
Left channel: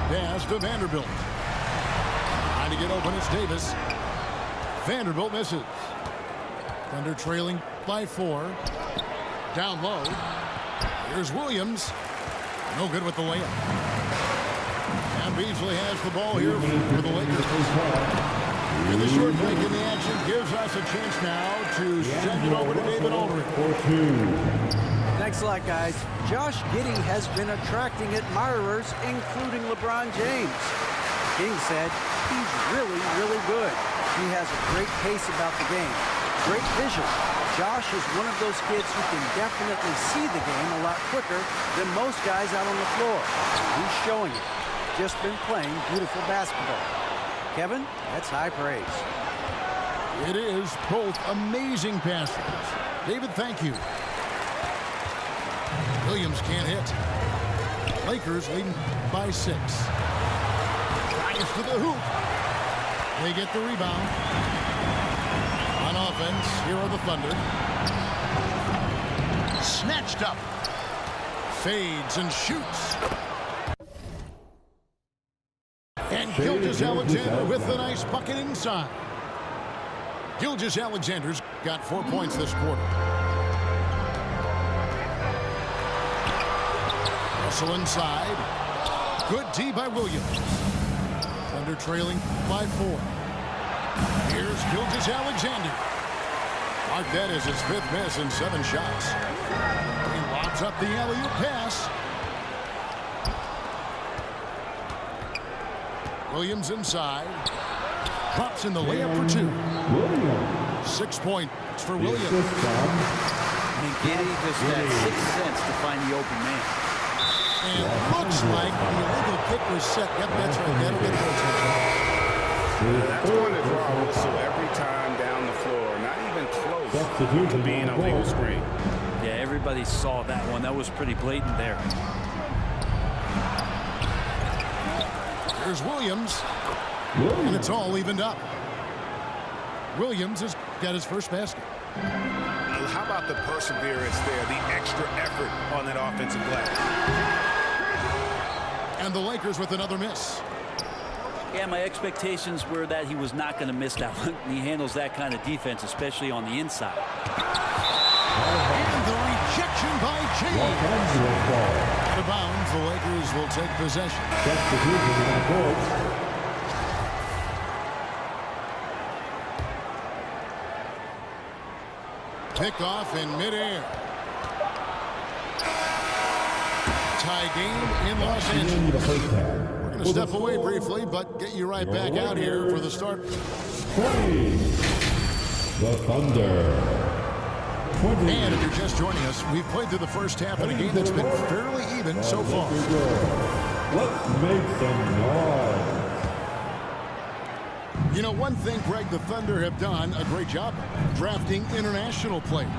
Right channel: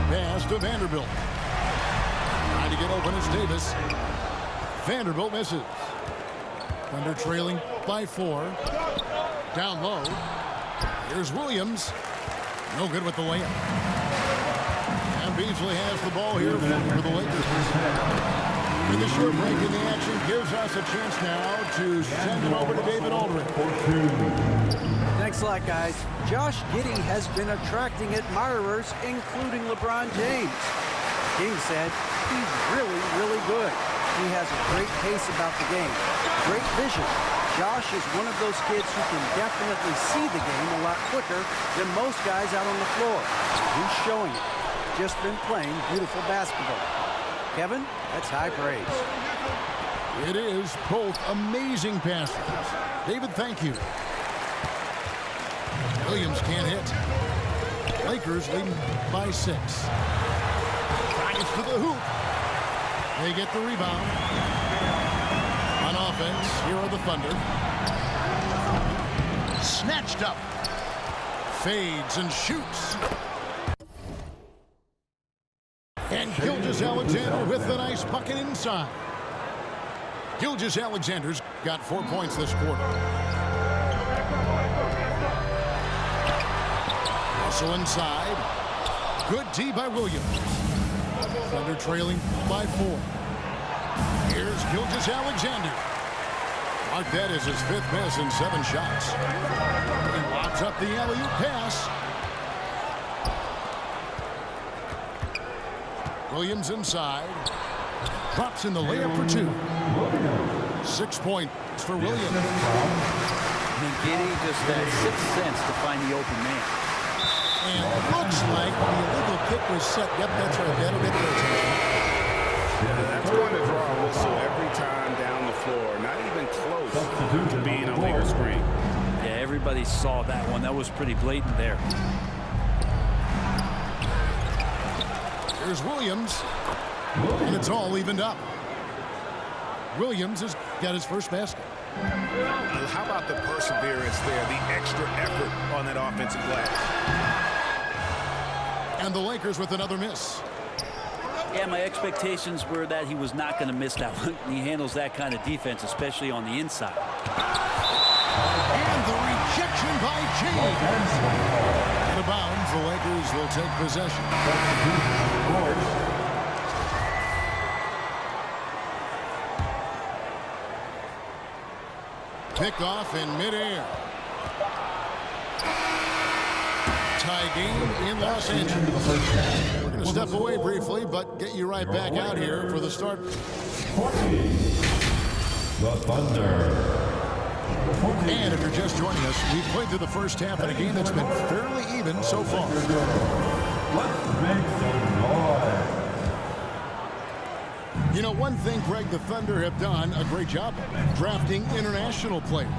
Pass to Vanderbilt. Trying to get open is Davis. Vanderbilt misses. Thunder trailing by 4. Down low. Here's Williams. No good with the layup. And Beasley has the ball here for the Lakers. And the short break in the action gives us a chance now to send it over to David Aldridge. Thanks a lot, guys. Josh Giddey has been attracting admirers, including LeBron James. King said he's really, really good. He has a great pace about the game, great vision. Josh is one of those kids who can definitely see the game a lot quicker than most guys out on the floor. He's showing it. Just been playing beautiful basketball. Kevin, that's high praise. It is both amazing passes. David, thank you. Williams can't hit. Lakers leading by 6. Drives to the hoop. They get the rebound. On offense, here are the Thunder. Snatched up. Fades and shoots. And Gilgeous-Alexander with the nice bucket inside. Gilgeous-Alexander's got 4 points this quarter. Hustle inside. Good D by Williams. Thunder trailing by 4. Here's Gilgeous-Alexander. Mark that as his 5th miss in 7 shots. He lobs up the alley-oop pass. Williams inside. Drops in the layup for 2. 6 points for Williams. McGiddy just had 6th sense to find the open man. And looks like the illegal kick was set. Yep, that's right. That'll get their attention. That's going to draw a whistle every time down the floor. Not even close to being a legal screen. Yeah, everybody saw that one. That was pretty blatant there. Here's Williams. And it's all evened up. Williams has got his first basket. How about the perseverance there, the extra effort on that offensive glass? And the Lakers with another miss. Yeah, my expectations were that he was not going to miss that one. He handles that kind of defense, especially on the inside. And the rejection by James. Out of bounds, the Lakers will take possession. Picked off in midair. Tie game in Los Angeles. We're going to step away briefly, but get you right back out here for the start. The Thunder. And if you're just joining us, we've played through the first half in a game that's been fairly even so far. Let's make some noise. You know, one thing, Greg, the Thunder have done a great job of drafting international players.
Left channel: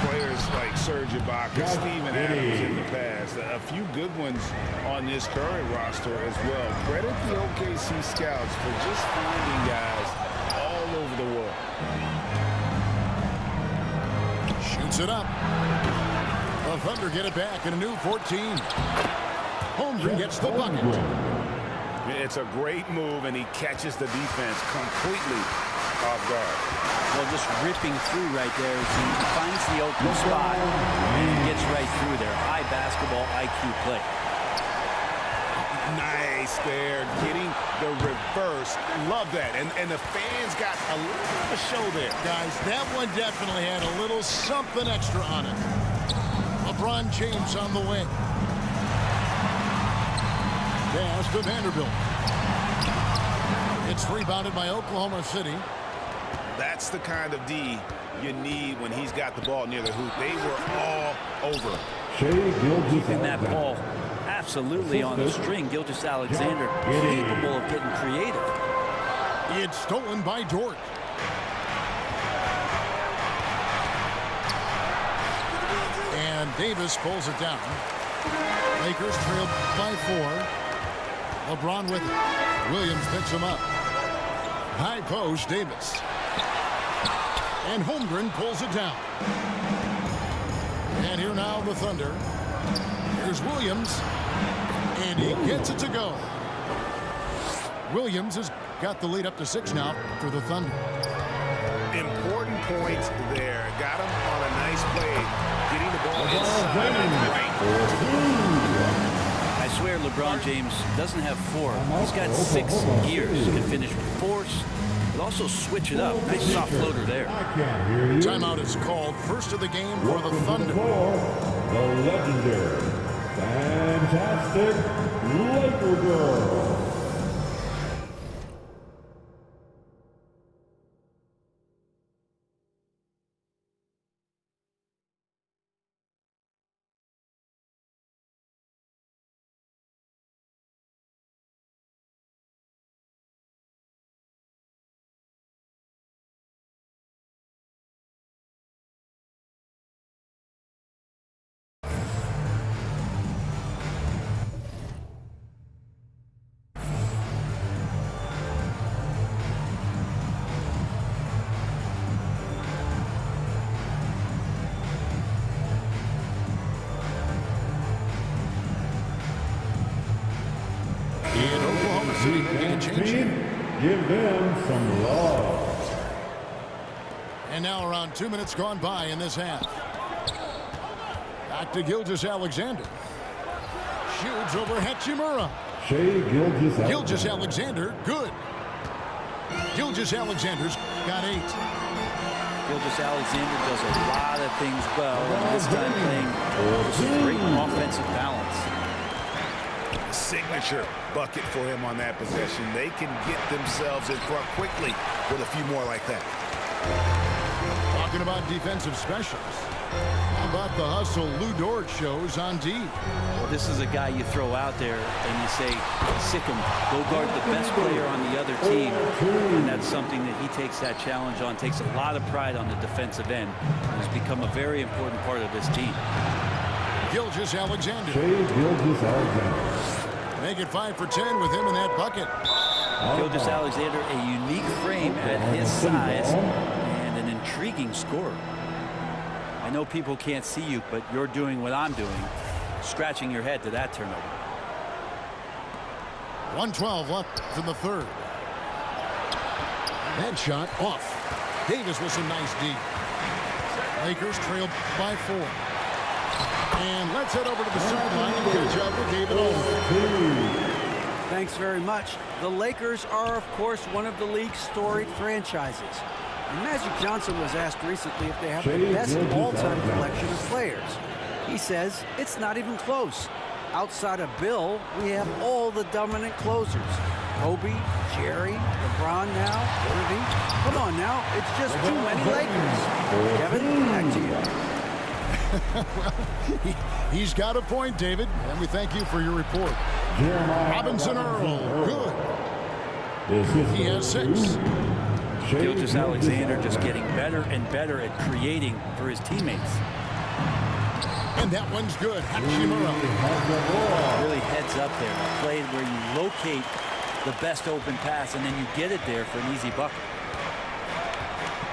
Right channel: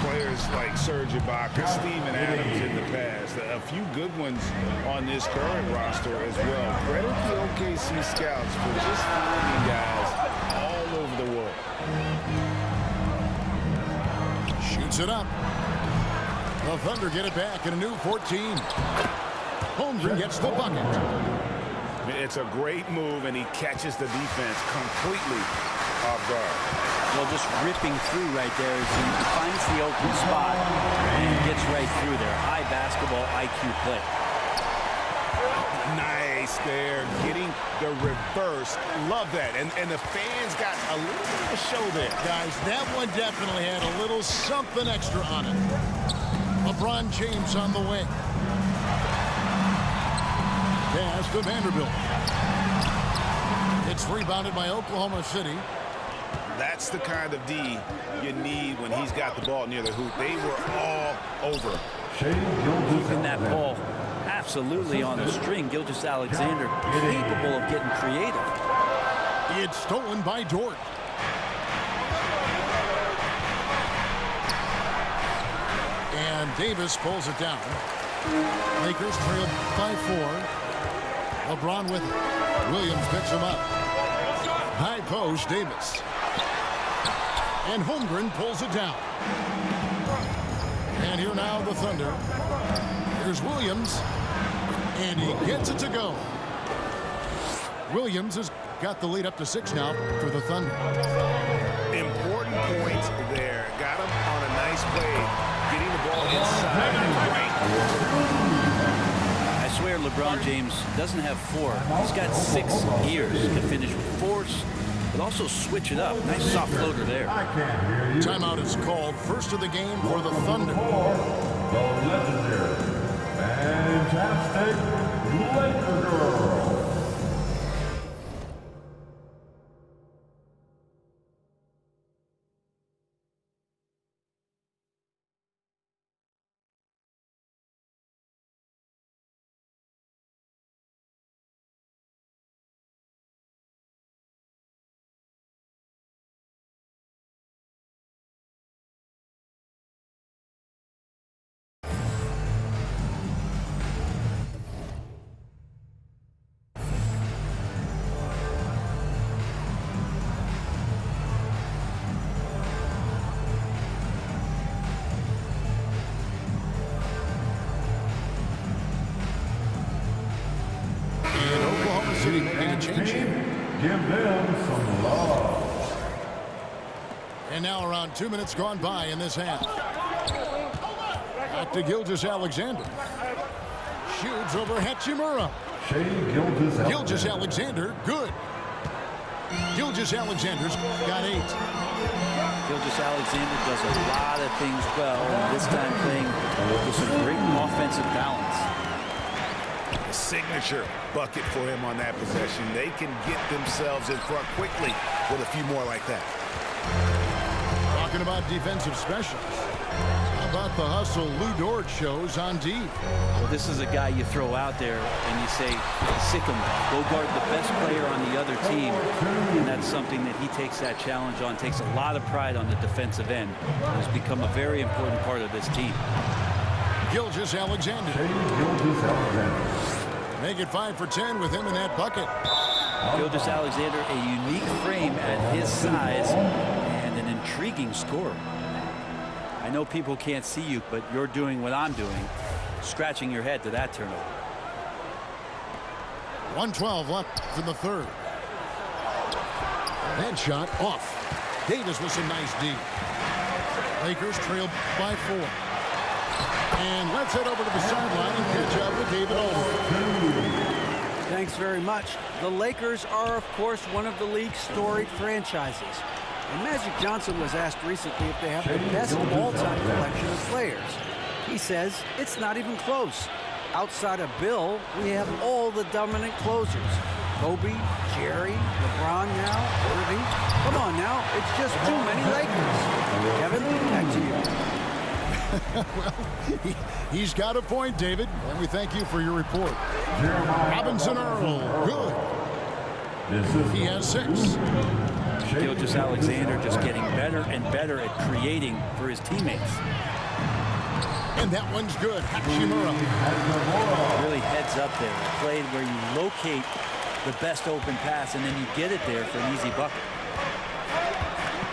Players like Serge Ibaka, Steven Adams in the past. A few good ones on this current roster as well. Credit the OKC scouts for just finding guys all over the world. Shoots it up. The Thunder get it back in a new 14. Holmgren gets the bucket. It's a great move, and he catches the defense completely off guard. Well, just ripping through right there as he finds the open spot and gets right through there. High basketball IQ play. Nice there, getting the reverse. Love that. And the fans got a little bit of a show there. Guys, that one definitely had a little something extra on it. LeBron James on the wing. Pass to Vanderbilt. It's rebounded by Oklahoma City. That's the kind of D you need when he's got the ball near the hoop. They were all over. Keeping that ball absolutely on the string. Gilgeous-Alexander capable of getting creative. It's stolen by Dort. And Davis pulls it down. Lakers trail by 4. LeBron with it. Williams picks him up. High post, Davis. And Holmgren pulls it down. And here now the Thunder. Here's Williams. And he gets it to go. Williams has got the lead up to 6 now for the Thunder. Important points there. Got him on a nice play. Getting the ball inside and right. I swear LeBron James doesn't have 4. He's got 6 gears. He can finish with force, but also switch it up. Nice soft floater there. I can't hear you. Timeout is called. First of the game for the Thunder. The legendary, fantastic Laker girl. City making a change here. Give them some love. And now around 2 minutes gone by in this half. Back to Gilgeous-Alexander. shoots over Hachimura. Shea Gilgeous-Alexander, good. Gilgeous-Alexander's got 8. Gilgeous-Alexander does a lot of things well, and this time playing with some great offensive balance. A signature bucket for him on that possession. They can get themselves in front quickly with a few more like that. Talking about defensive specials. How about the hustle Lou Dort shows on D? Well, this is a guy you throw out there and you say, sick him, go guard the best player on the other team. And that's something that he takes that challenge on, takes a lot of pride on the defensive end, and has become a very important part of this team. Gilgeous-Alexander. Gilgeous-Alexander. Make it 5 for 10 with him in that bucket. Gilgeous-Alexander, a unique frame at his size and an intriguing scorer. I know people can't see you, but you're doing what I'm doing, scratching your head to that turnover. 1:12 left in the third. That shot off. Davis with some nice D. Lakers trail by 4. And let's head over to the sideline and catch up with David Aldridge. Thanks very much. The Lakers are, of course, one of the league's storied franchises. And Magic Johnson was asked recently if they have the best all-time collection of players. He says it's not even close. Outside of Bill, we have all the dominant closers. Kobe, Jerry, LeBron now, Irving. Come on now, it's just too many Lakers. Kevin, back to you. Well, he's got a point, David, and we thank you for your report. Robinson Earl, good. He has 6. Gilgeous-Alexander just getting better and better at creating for his teammates. And that one's good. Hachimura. Really heads up there. A play where you locate the best open pass and then you get it there for an easy bucket.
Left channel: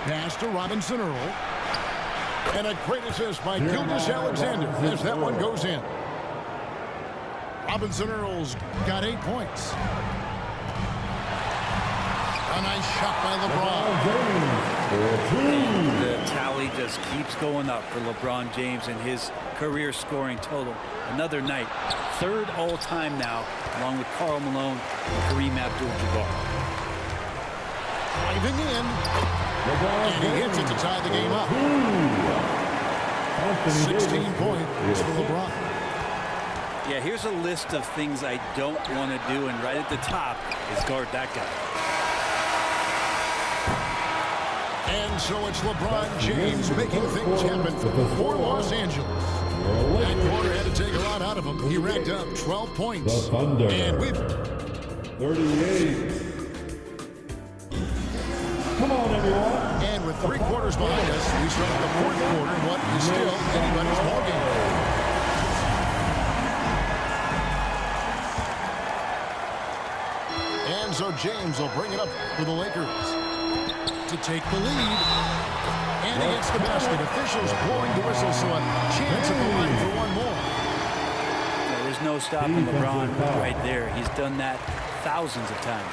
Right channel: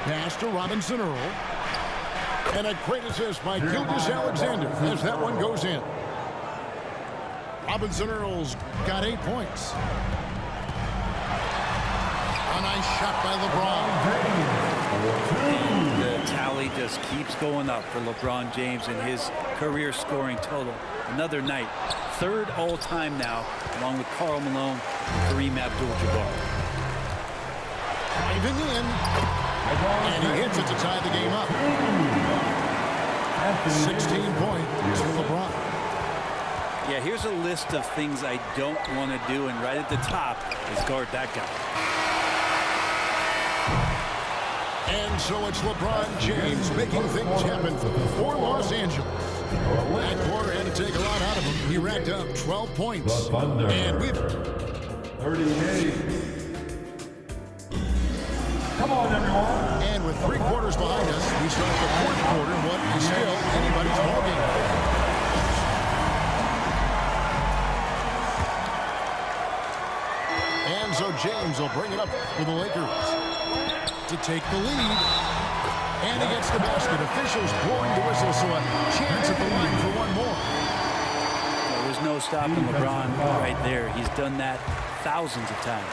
Pass to Robinson Earl. And a great assist by Gilgeous-Alexander as that one goes in. Robinson Earl's got 8 points. A nice shot by LeBron. And the tally just keeps going up for LeBron James and his career scoring total. Another night, 3rd all-time now, along with Karl Malone and Kareem Abdul-Jabbar. Driving in. And he hits it to tie the game up. 16 points for LeBron. Yeah, here's a list of things I don't want to do, and right at the top is guard that guy. And so it's LeBron James making things happen for Los Angeles. That quarter had to take a lot out of him. He racked up 12 points. The Thunder. And we've 38. Come on, everyone. And with 3 quarters behind us, we start the 4th quarter in what is still anybody's ballgame. And so James will bring it up for the Lakers to take the lead. And he gets the basket. Officials blowing the whistle, so a chance at the line for one more. Yeah, there's no stopping LeBron right there. He's done that thousands of times.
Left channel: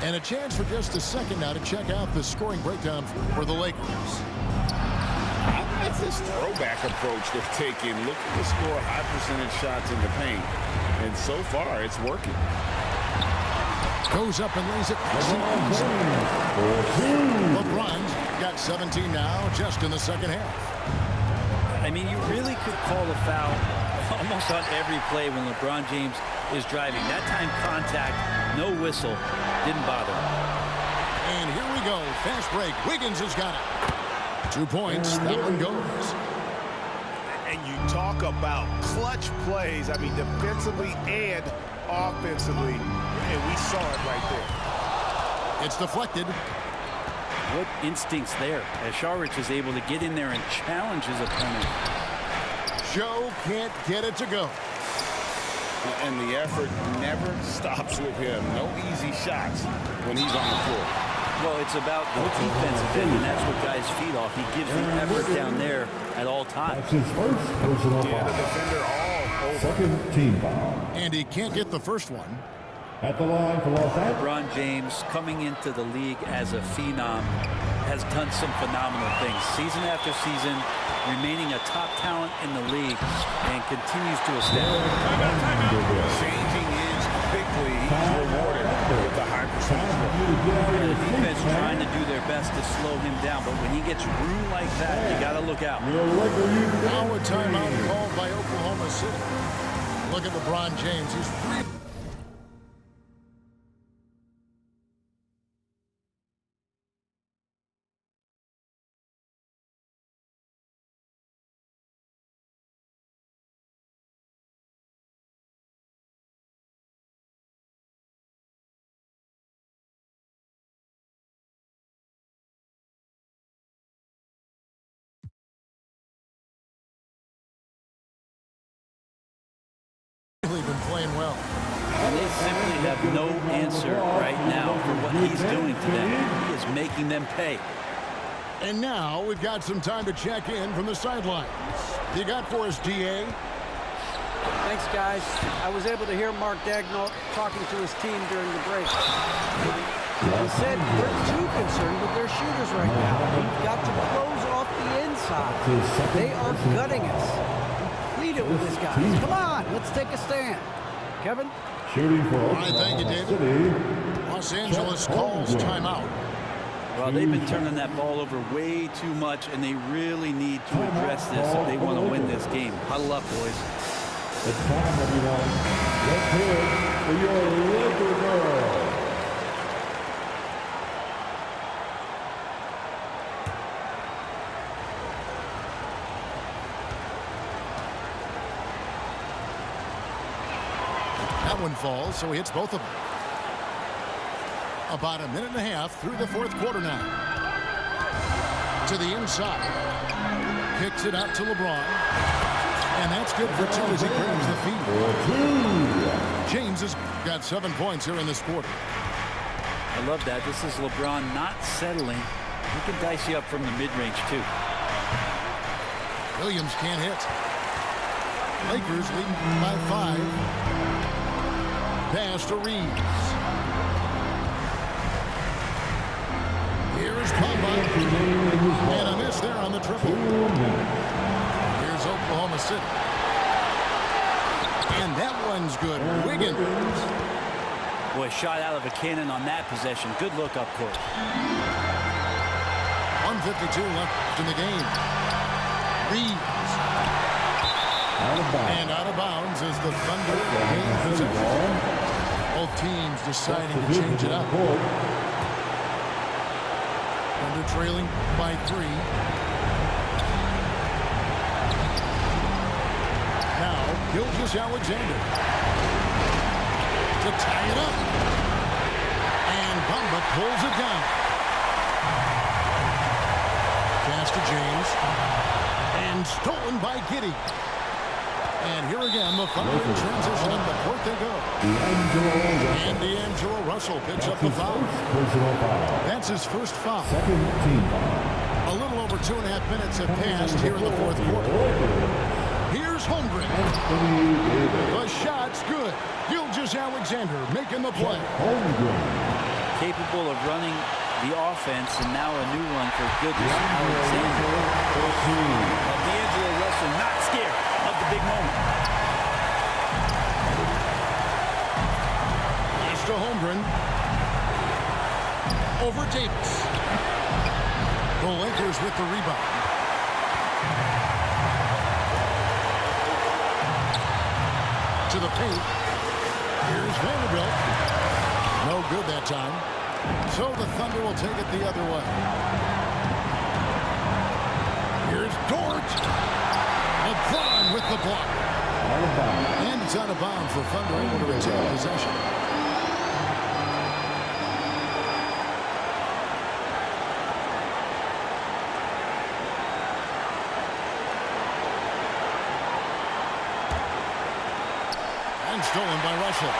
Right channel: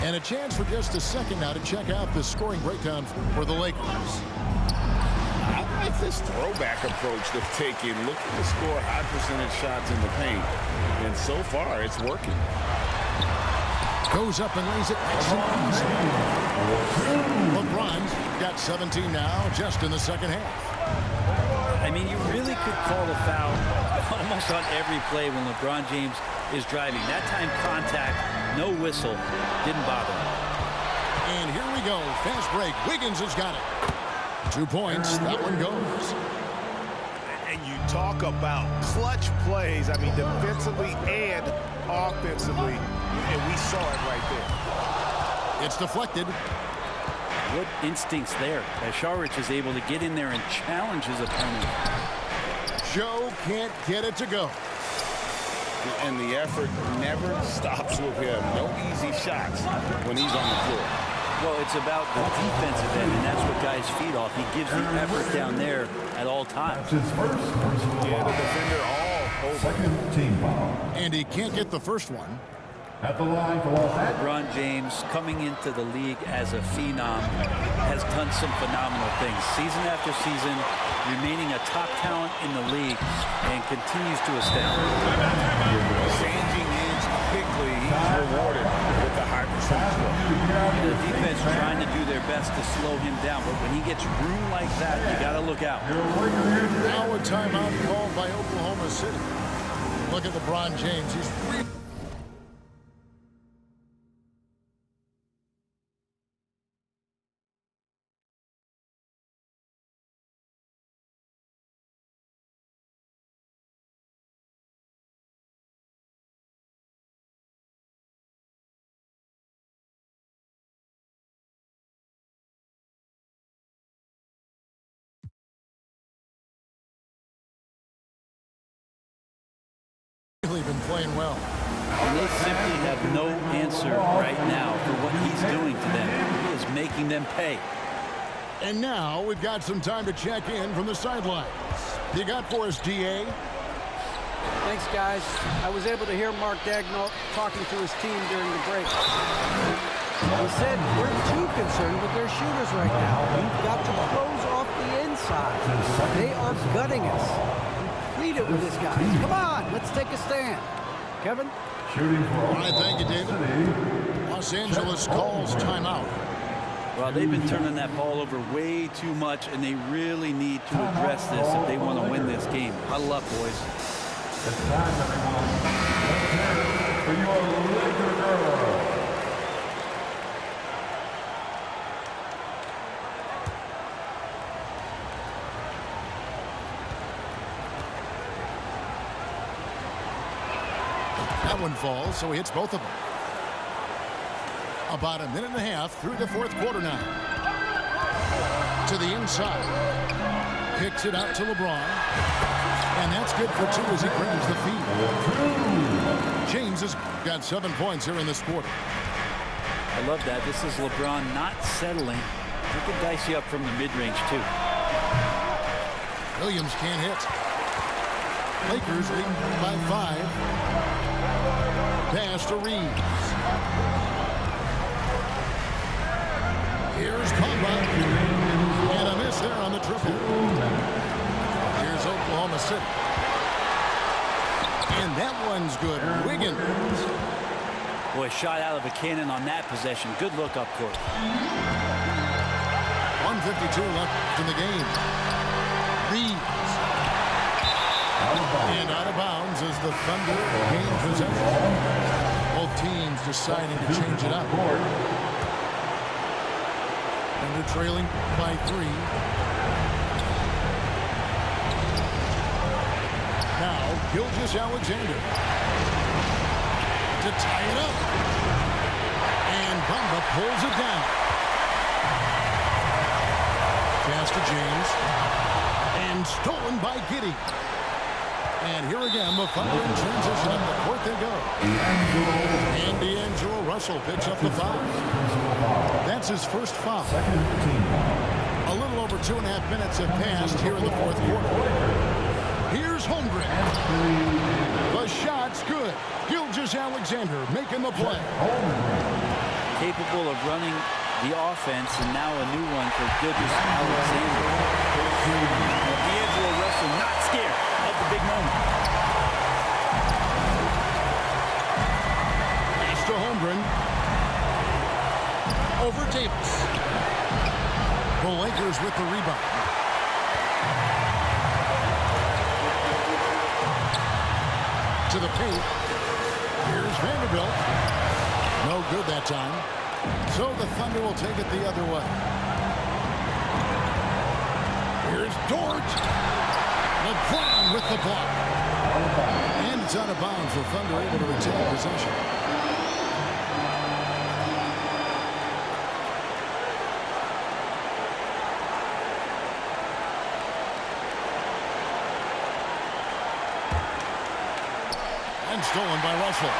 And a chance for just a second now to check out the scoring breakdown for the Lakers. I like this throwback approach they're taking, looking to score high percentage shots in the paint. And so far, it's working. Goes up and lays it nice and easy. LeBron's got 17 now just in the second half. I mean, you really could call a foul almost on every play when LeBron James is driving. That time contact, no whistle, didn't bother him. And here we go. Fast break. Wiggins has got it. 2 points. That one goes. And you talk about clutch plays, I mean, defensively and offensively. And we saw it right there. It's deflected. What instincts there as Sharich is able to get in there and challenge his opponent. Joe can't get it to go. And the effort never stops with him. No easy shots when he's on the floor. Well, it's about the defensive end, and that's what guys feed off. He gives the effort down there at all times. That's his first personal Yeah, the foul. defender all over. Second team foul. And he can't get the first one. At the line for Los Angeles. LeBron James, coming into the league as a phenom, has done some phenomenal things. Season after season, remaining a top talent in the league, and continues to astound. Changing ends quickly, he's rewarded with a high percentage look. And the defense trying to do their best to slow him down, but when he gets room like that, you got to look out. Now a timeout called by Oklahoma City. Look at LeBron James. He's really... been playing well. And they simply have no answer right now for what he's doing to them. He is making them pay. And now we've got some time to check in from the sidelines. You got for us, DA? Thanks, guys. I was able to hear Mark Daigneault talking to his team during the break. He said they're too concerned with their shooters right now. We've got to close off the inside. They are gutting us. Complete it with this, guys. Come on, let's take a stand. Kevin? Shooting for All right, thank you, David. City. Los Angeles calls timeout. Well, they've been turning that ball over way too much, and they really need to address this if they want to win this game. Huddle up, boys. It's time, everyone. Let's hear it for your Laker girl. That one falls, so he hits both of them. About a minute and a half through the fourth quarter now. To the inside. Kicks it out to LeBron. And that's good for two as he grabs the feed. James has got 7 points here in this quarter. I love that. This is LeBron not settling. He can dice you up from the mid-range, too. Williams can't hit. Lakers leading by 5. Pass to Reeves. Here's Bamba. And a miss there on the triple. Here's Oklahoma City. And that one's good. Wiggins. Boy, shot out of a cannon on that possession. Good look up court. 1:52 left in the game. Reeves. And out of bounds as the Thunder gain possession. Both teams deciding to change it up. Thunder trailing by 3. Now, Gilgeous-Alexander to tie it up. And Bamba pulls it down. Pass to James. And stolen by Giddey. And here again, the Thunder in transition. Up the court they go. And D'Angelo Russell picks up the foul. That's his first foul. Second team foul. A little over 2.5 minutes have passed here in the fourth quarter. Here's Holmgren. The shot's good. Gilgeous-Alexander making the play. Capable of running the offense, and now a new one for Gilgeous-Alexander. Well, D'Angelo Russell not scared of the big moment. Pass to Holmgren. Over Davis. The Lakers with the rebound. To the paint. Here's Vanderbilt. No good that time. So the Thunder will take it the other way. Here's Dort. LeBron with the block. And it's out of bounds. The Thunder able to retain possession. And stolen by Russell.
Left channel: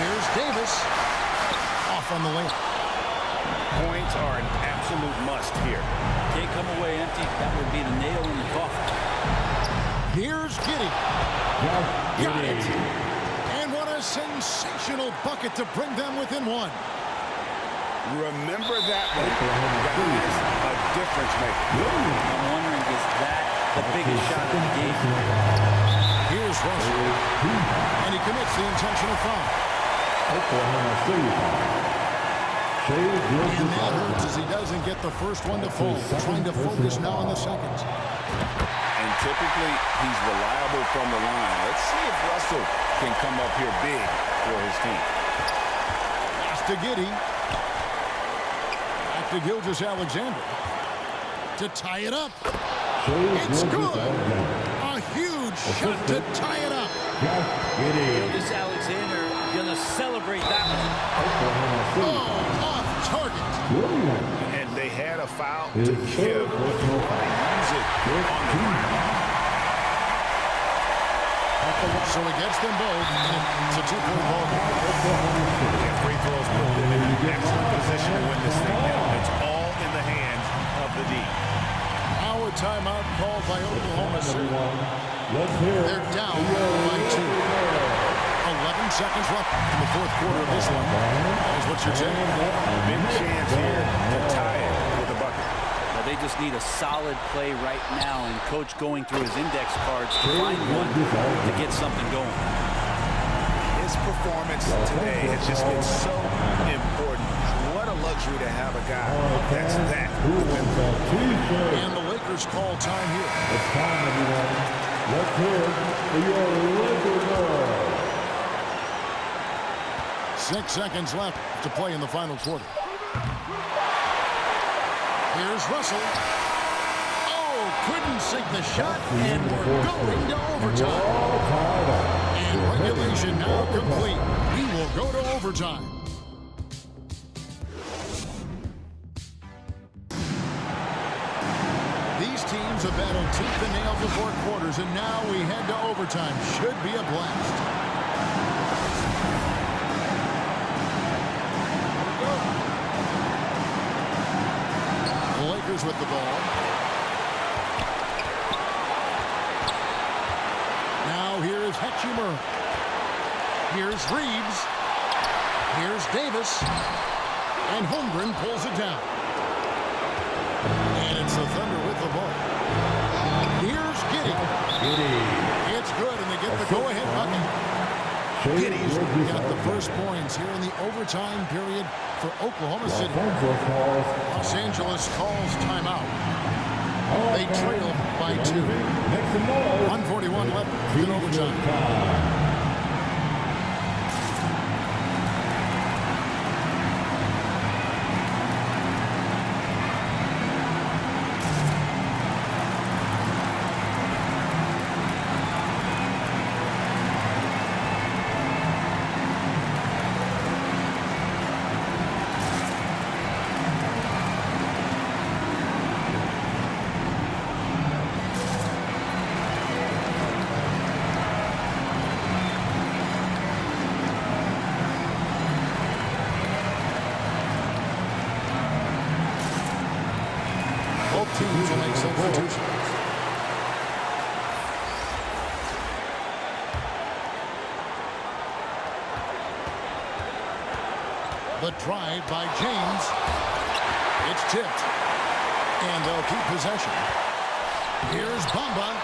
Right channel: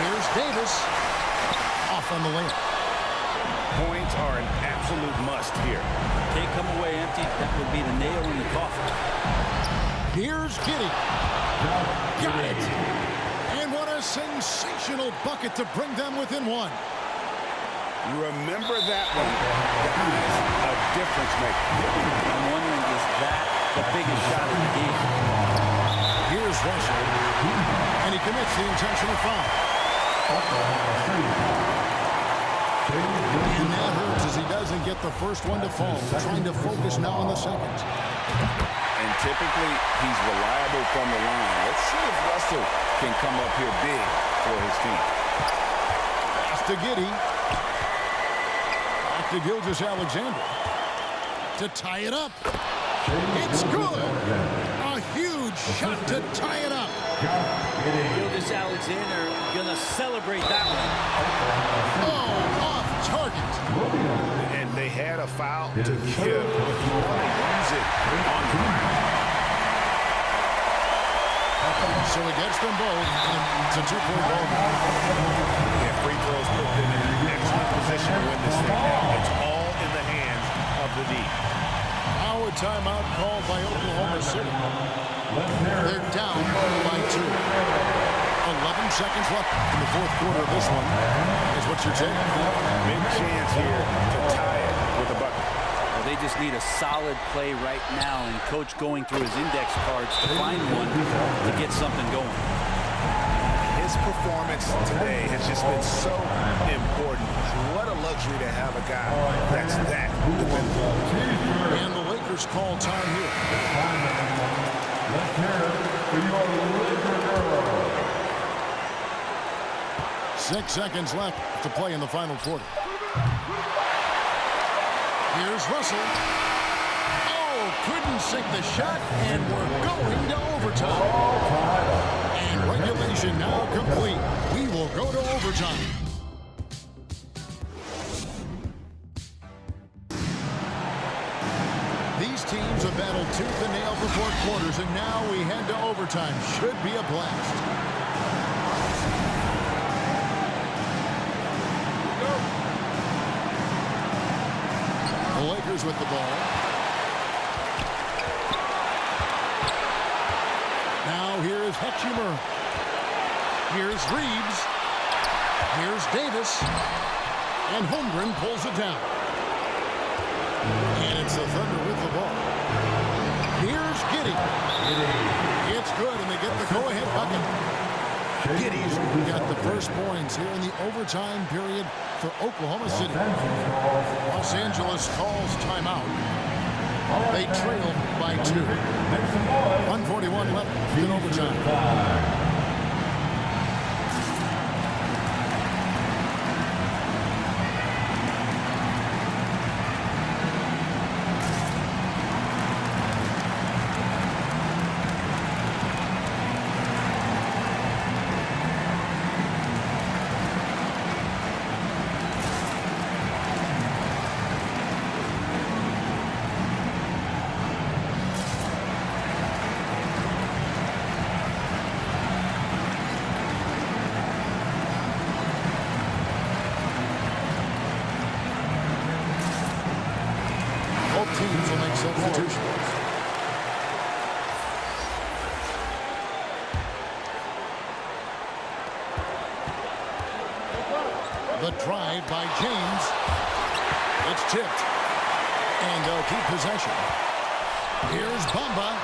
Here's Davis. Off on the layup. Points are an absolute must here. Can't come away empty. That would be the nail in the coffin. Here's Giddey. Got it. And what a sensational bucket to bring them within one. Remember that one, guys, a difference maker. I'm wondering, is that the biggest shot of the game? Here's Russell. And he commits the intentional foul. Oklahoma City foul. And that hurts as he doesn't get the first one to fall. Trying to focus now on the second. And typically, he's reliable from the line. Let's see if Russell can come up here big for his team. Pass to Giddey. Back to Gilgeous-Alexander to tie it up. It's good. A huge shot to tie it up. Gilgeous-Alexander gonna celebrate that one. Oh, off target. And they had a foul to give, but you want to use it on the ground. So he gets them both, and it's a two-point ball game. Yeah, free throws put them in an excellent position to win this thing now. It's all in the hands of the D. Now a timeout called by Oklahoma City. They're down by 2. 11 seconds left in the fourth quarter of this one. Guys, what's your take? Big chance here to tie it with a bucket. Well, they just need a solid play right now, and Coach going through his index cards to find one to get something going. His performance today has just been so important. What a luxury to have a guy that's that dependable. And the Lakers call time here. It's time, everyone. Let's hear it for your Laker girl. 6 seconds left to play in the final quarter. Here's Russell. Oh, couldn't sink the shot, and we're going to overtime. And regulation now complete. We will go to overtime. These teams have battled tooth and nail for 4 quarters, and now we head to overtime. Should be a blast. The Lakers with the ball. Now here is Hetchimer. Here's Reeves. Here's Davis. And Holmgren pulls it down. And it's the Thunder with the ball. Here's Giddey. It's good, and they get the go-ahead bucket. Giddey's got the first points here in the overtime period for Oklahoma City. Los Angeles calls timeout. They trail by 2. 1:41 left in overtime. Both teams will make substitutions. The drive by James. It's tipped. And they'll keep possession. Here's Bamba.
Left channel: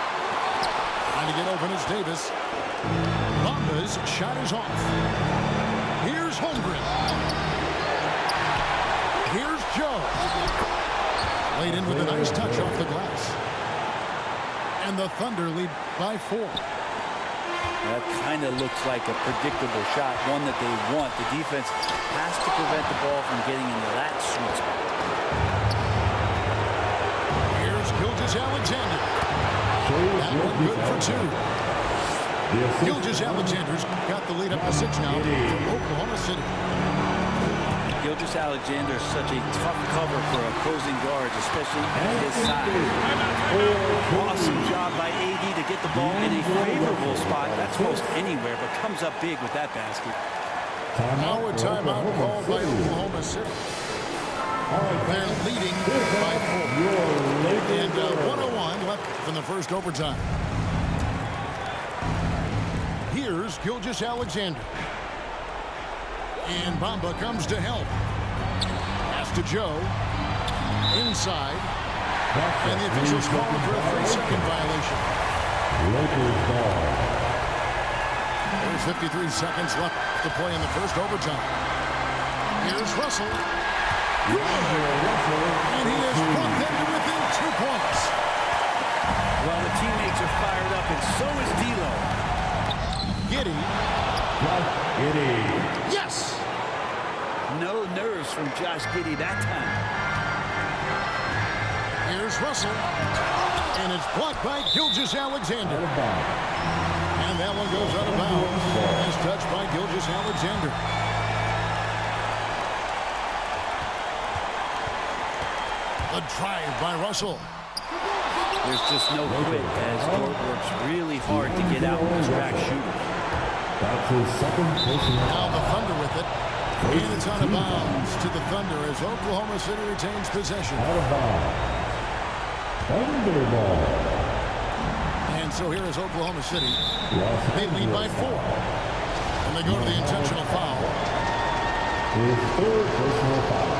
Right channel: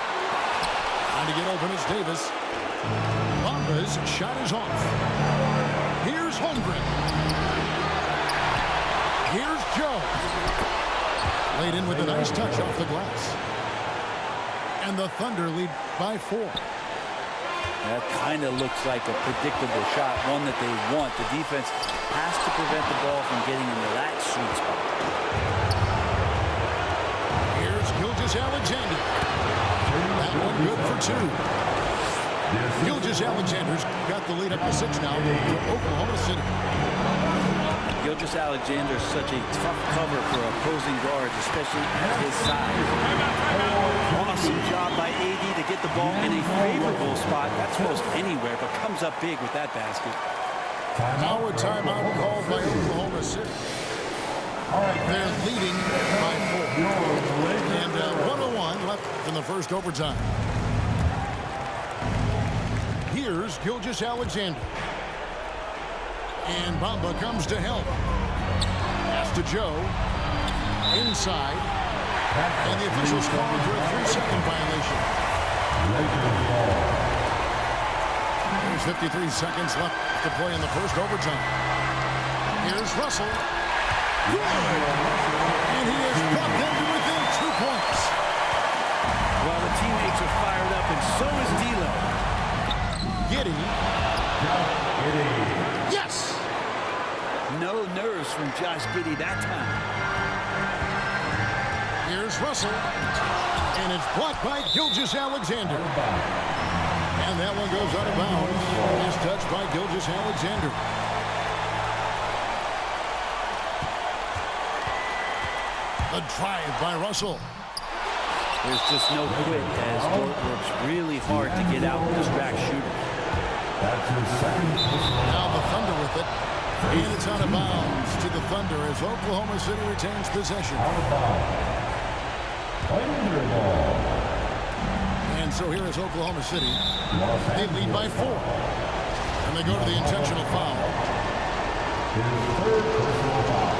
Trying to get open is Davis. Bamba's shot is off. Here's Holmgren. Here's Joe. Laid in with a nice touch off the glass. And the Thunder lead by 4. That kind of looks like a predictable shot, one that they want. The defense has to prevent the ball from getting into that sweet spot. Here's Gilgeous-Alexander. That one good for 2. Gilgeous-Alexander's got the lead up to 6 now for Oklahoma City. Gilgeous-Alexander is such a tough cover for opposing guards, especially at his size. Awesome job by AD to get the ball in a favorable spot. That's most anywhere, but comes up big with that basket. Now a timeout called by Oklahoma City. They're leading by 4. And 1:01 left in the first overtime. Here's Gilgeous-Alexander. And Bamba comes to help. Pass to Joe. Inside. And the officials calling for a 3-second violation. Lakers ball. There's 53 seconds left to play in the first overtime. Here's Russell. Good. And he has brought them to within 2 points. Well, the teammates are fired up, and so is D'Lo. Giddey. Giddey. Yes. No nerves from Josh Giddey that time. Here's Russell. And it's blocked by Gilgeous-Alexander. And that one goes out of bounds. As touched by Gilgeous-Alexander. A drive by Russell. There's just no quit as Dort works really hard to get out and distract shooters. That's his second personal. Now the Thunder with it. And it's out of bounds to the Thunder as Oklahoma City retains possession. Out of bounds. Thunder ball. And so here is Oklahoma City. Los They lead by Angeles 4. And they go to the intentional foul. His third personal foul.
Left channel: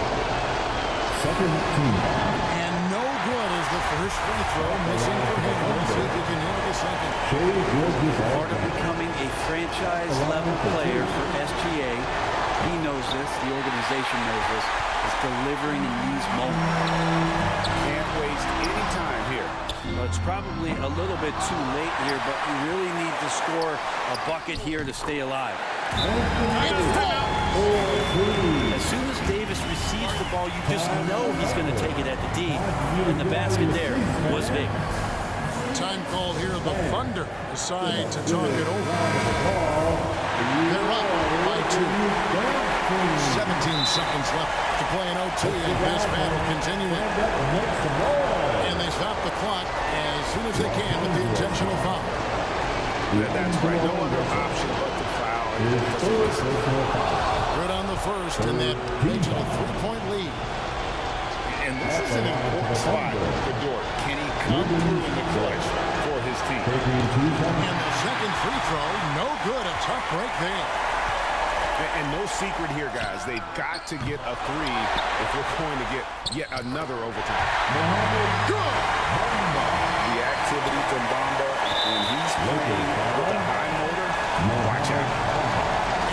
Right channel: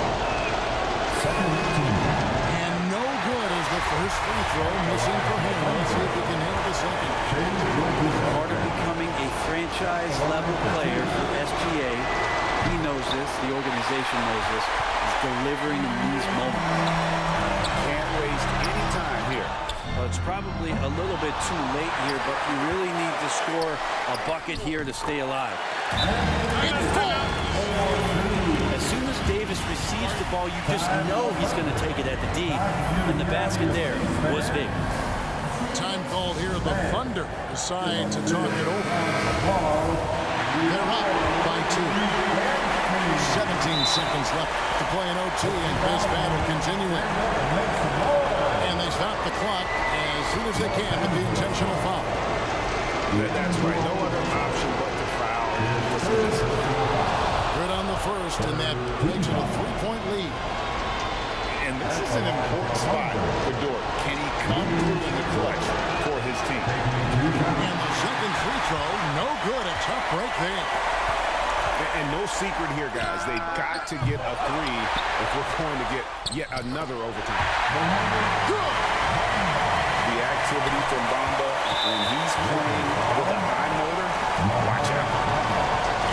Second team foul. And no good as the first free throw missing for him. Let's see if he can nail the second. Part of becoming a franchise-level player for SGA, he knows this, the organization knows this, is delivering in these moments. Can't waste any time here. Well, it's probably a little bit too late here, but you really need to score a bucket here to stay alive. As soon as Davis receives the ball, you just know he's going to take it at the D, and the basket there was big. Time called here. The Thunder decide to talk it over. They're up by 2. 17 seconds left to play in OT, and this battle continuing. And they stop the clock as soon as they can with the intentional foul. That's right. No other option but to foul. Good on the first, and that makes it a 3-point lead. And this is an important spot for Dort. Can he come through in the clutch for his team? And the second free throw, no good. A tough break there. And no secret here, guys. They've got to get a 3 if we're going to get yet another overtime. Good. The activity from Bamba when he's playing with a high motor, watch out.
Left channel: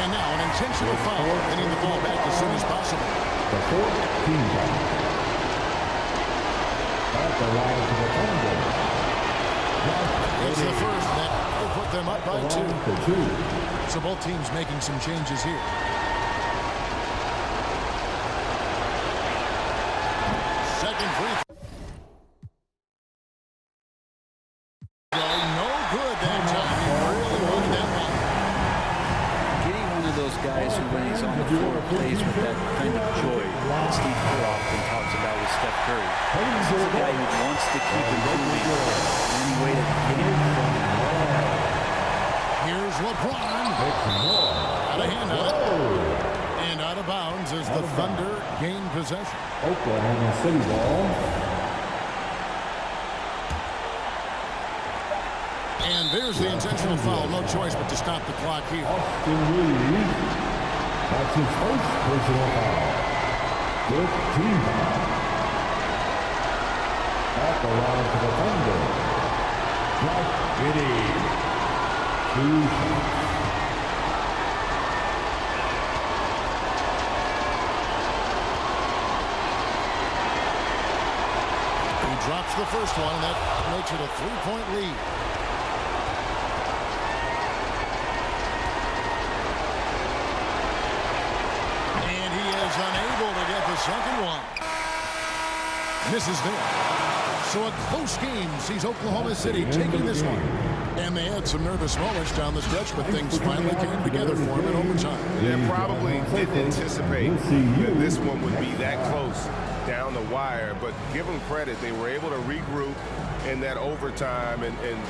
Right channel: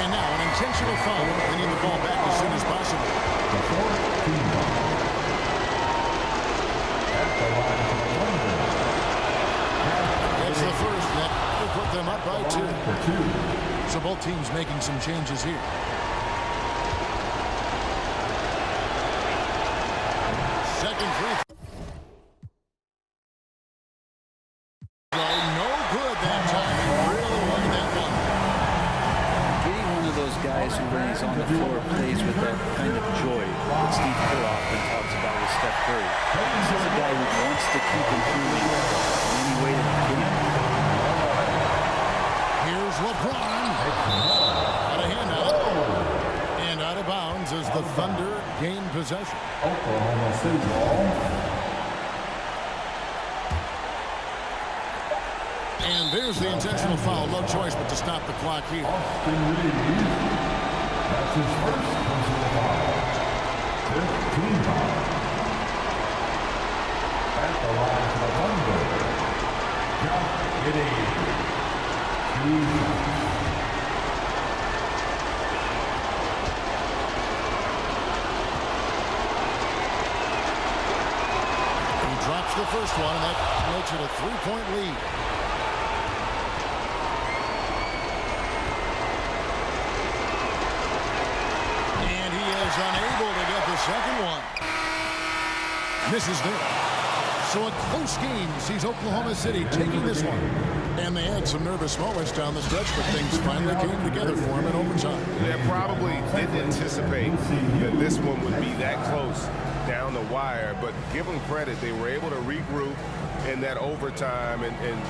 And now an intentional foul. They need the ball back as soon as possible. The fourth team foul. At the line to the Thunder. It's the first that will put them up by 2. For 2. So both teams making some changes here. Second free throw. No good that time. He really wanted that one. Giddey, one of those guys who, when he's on the floor, plays with that kind of joy that Steve Kerr often talks about with Steph Curry. This is a guy who wants to keep improving in any way that he can. Here's LeBron. Out of hand on it. And out of bounds as the Thunder gain possession. Oklahoma City ball. And there's the intentional foul. No choice but to stop the clock here. Austin Reeves. That's his first personal foul. 15 foul. At the line to the Thunder. Josh Giddey. 2 shots. He drops the first one, and that makes it a 3-point lead. And he is unable to get the second one. Misses there. So a close game sees Oklahoma City taking this one. And they had some nervous moments down the stretch, but things finally came together for them in overtime. They probably didn't anticipate that this one would be that close down the wire, but give them credit. They were able to regroup in that overtime, and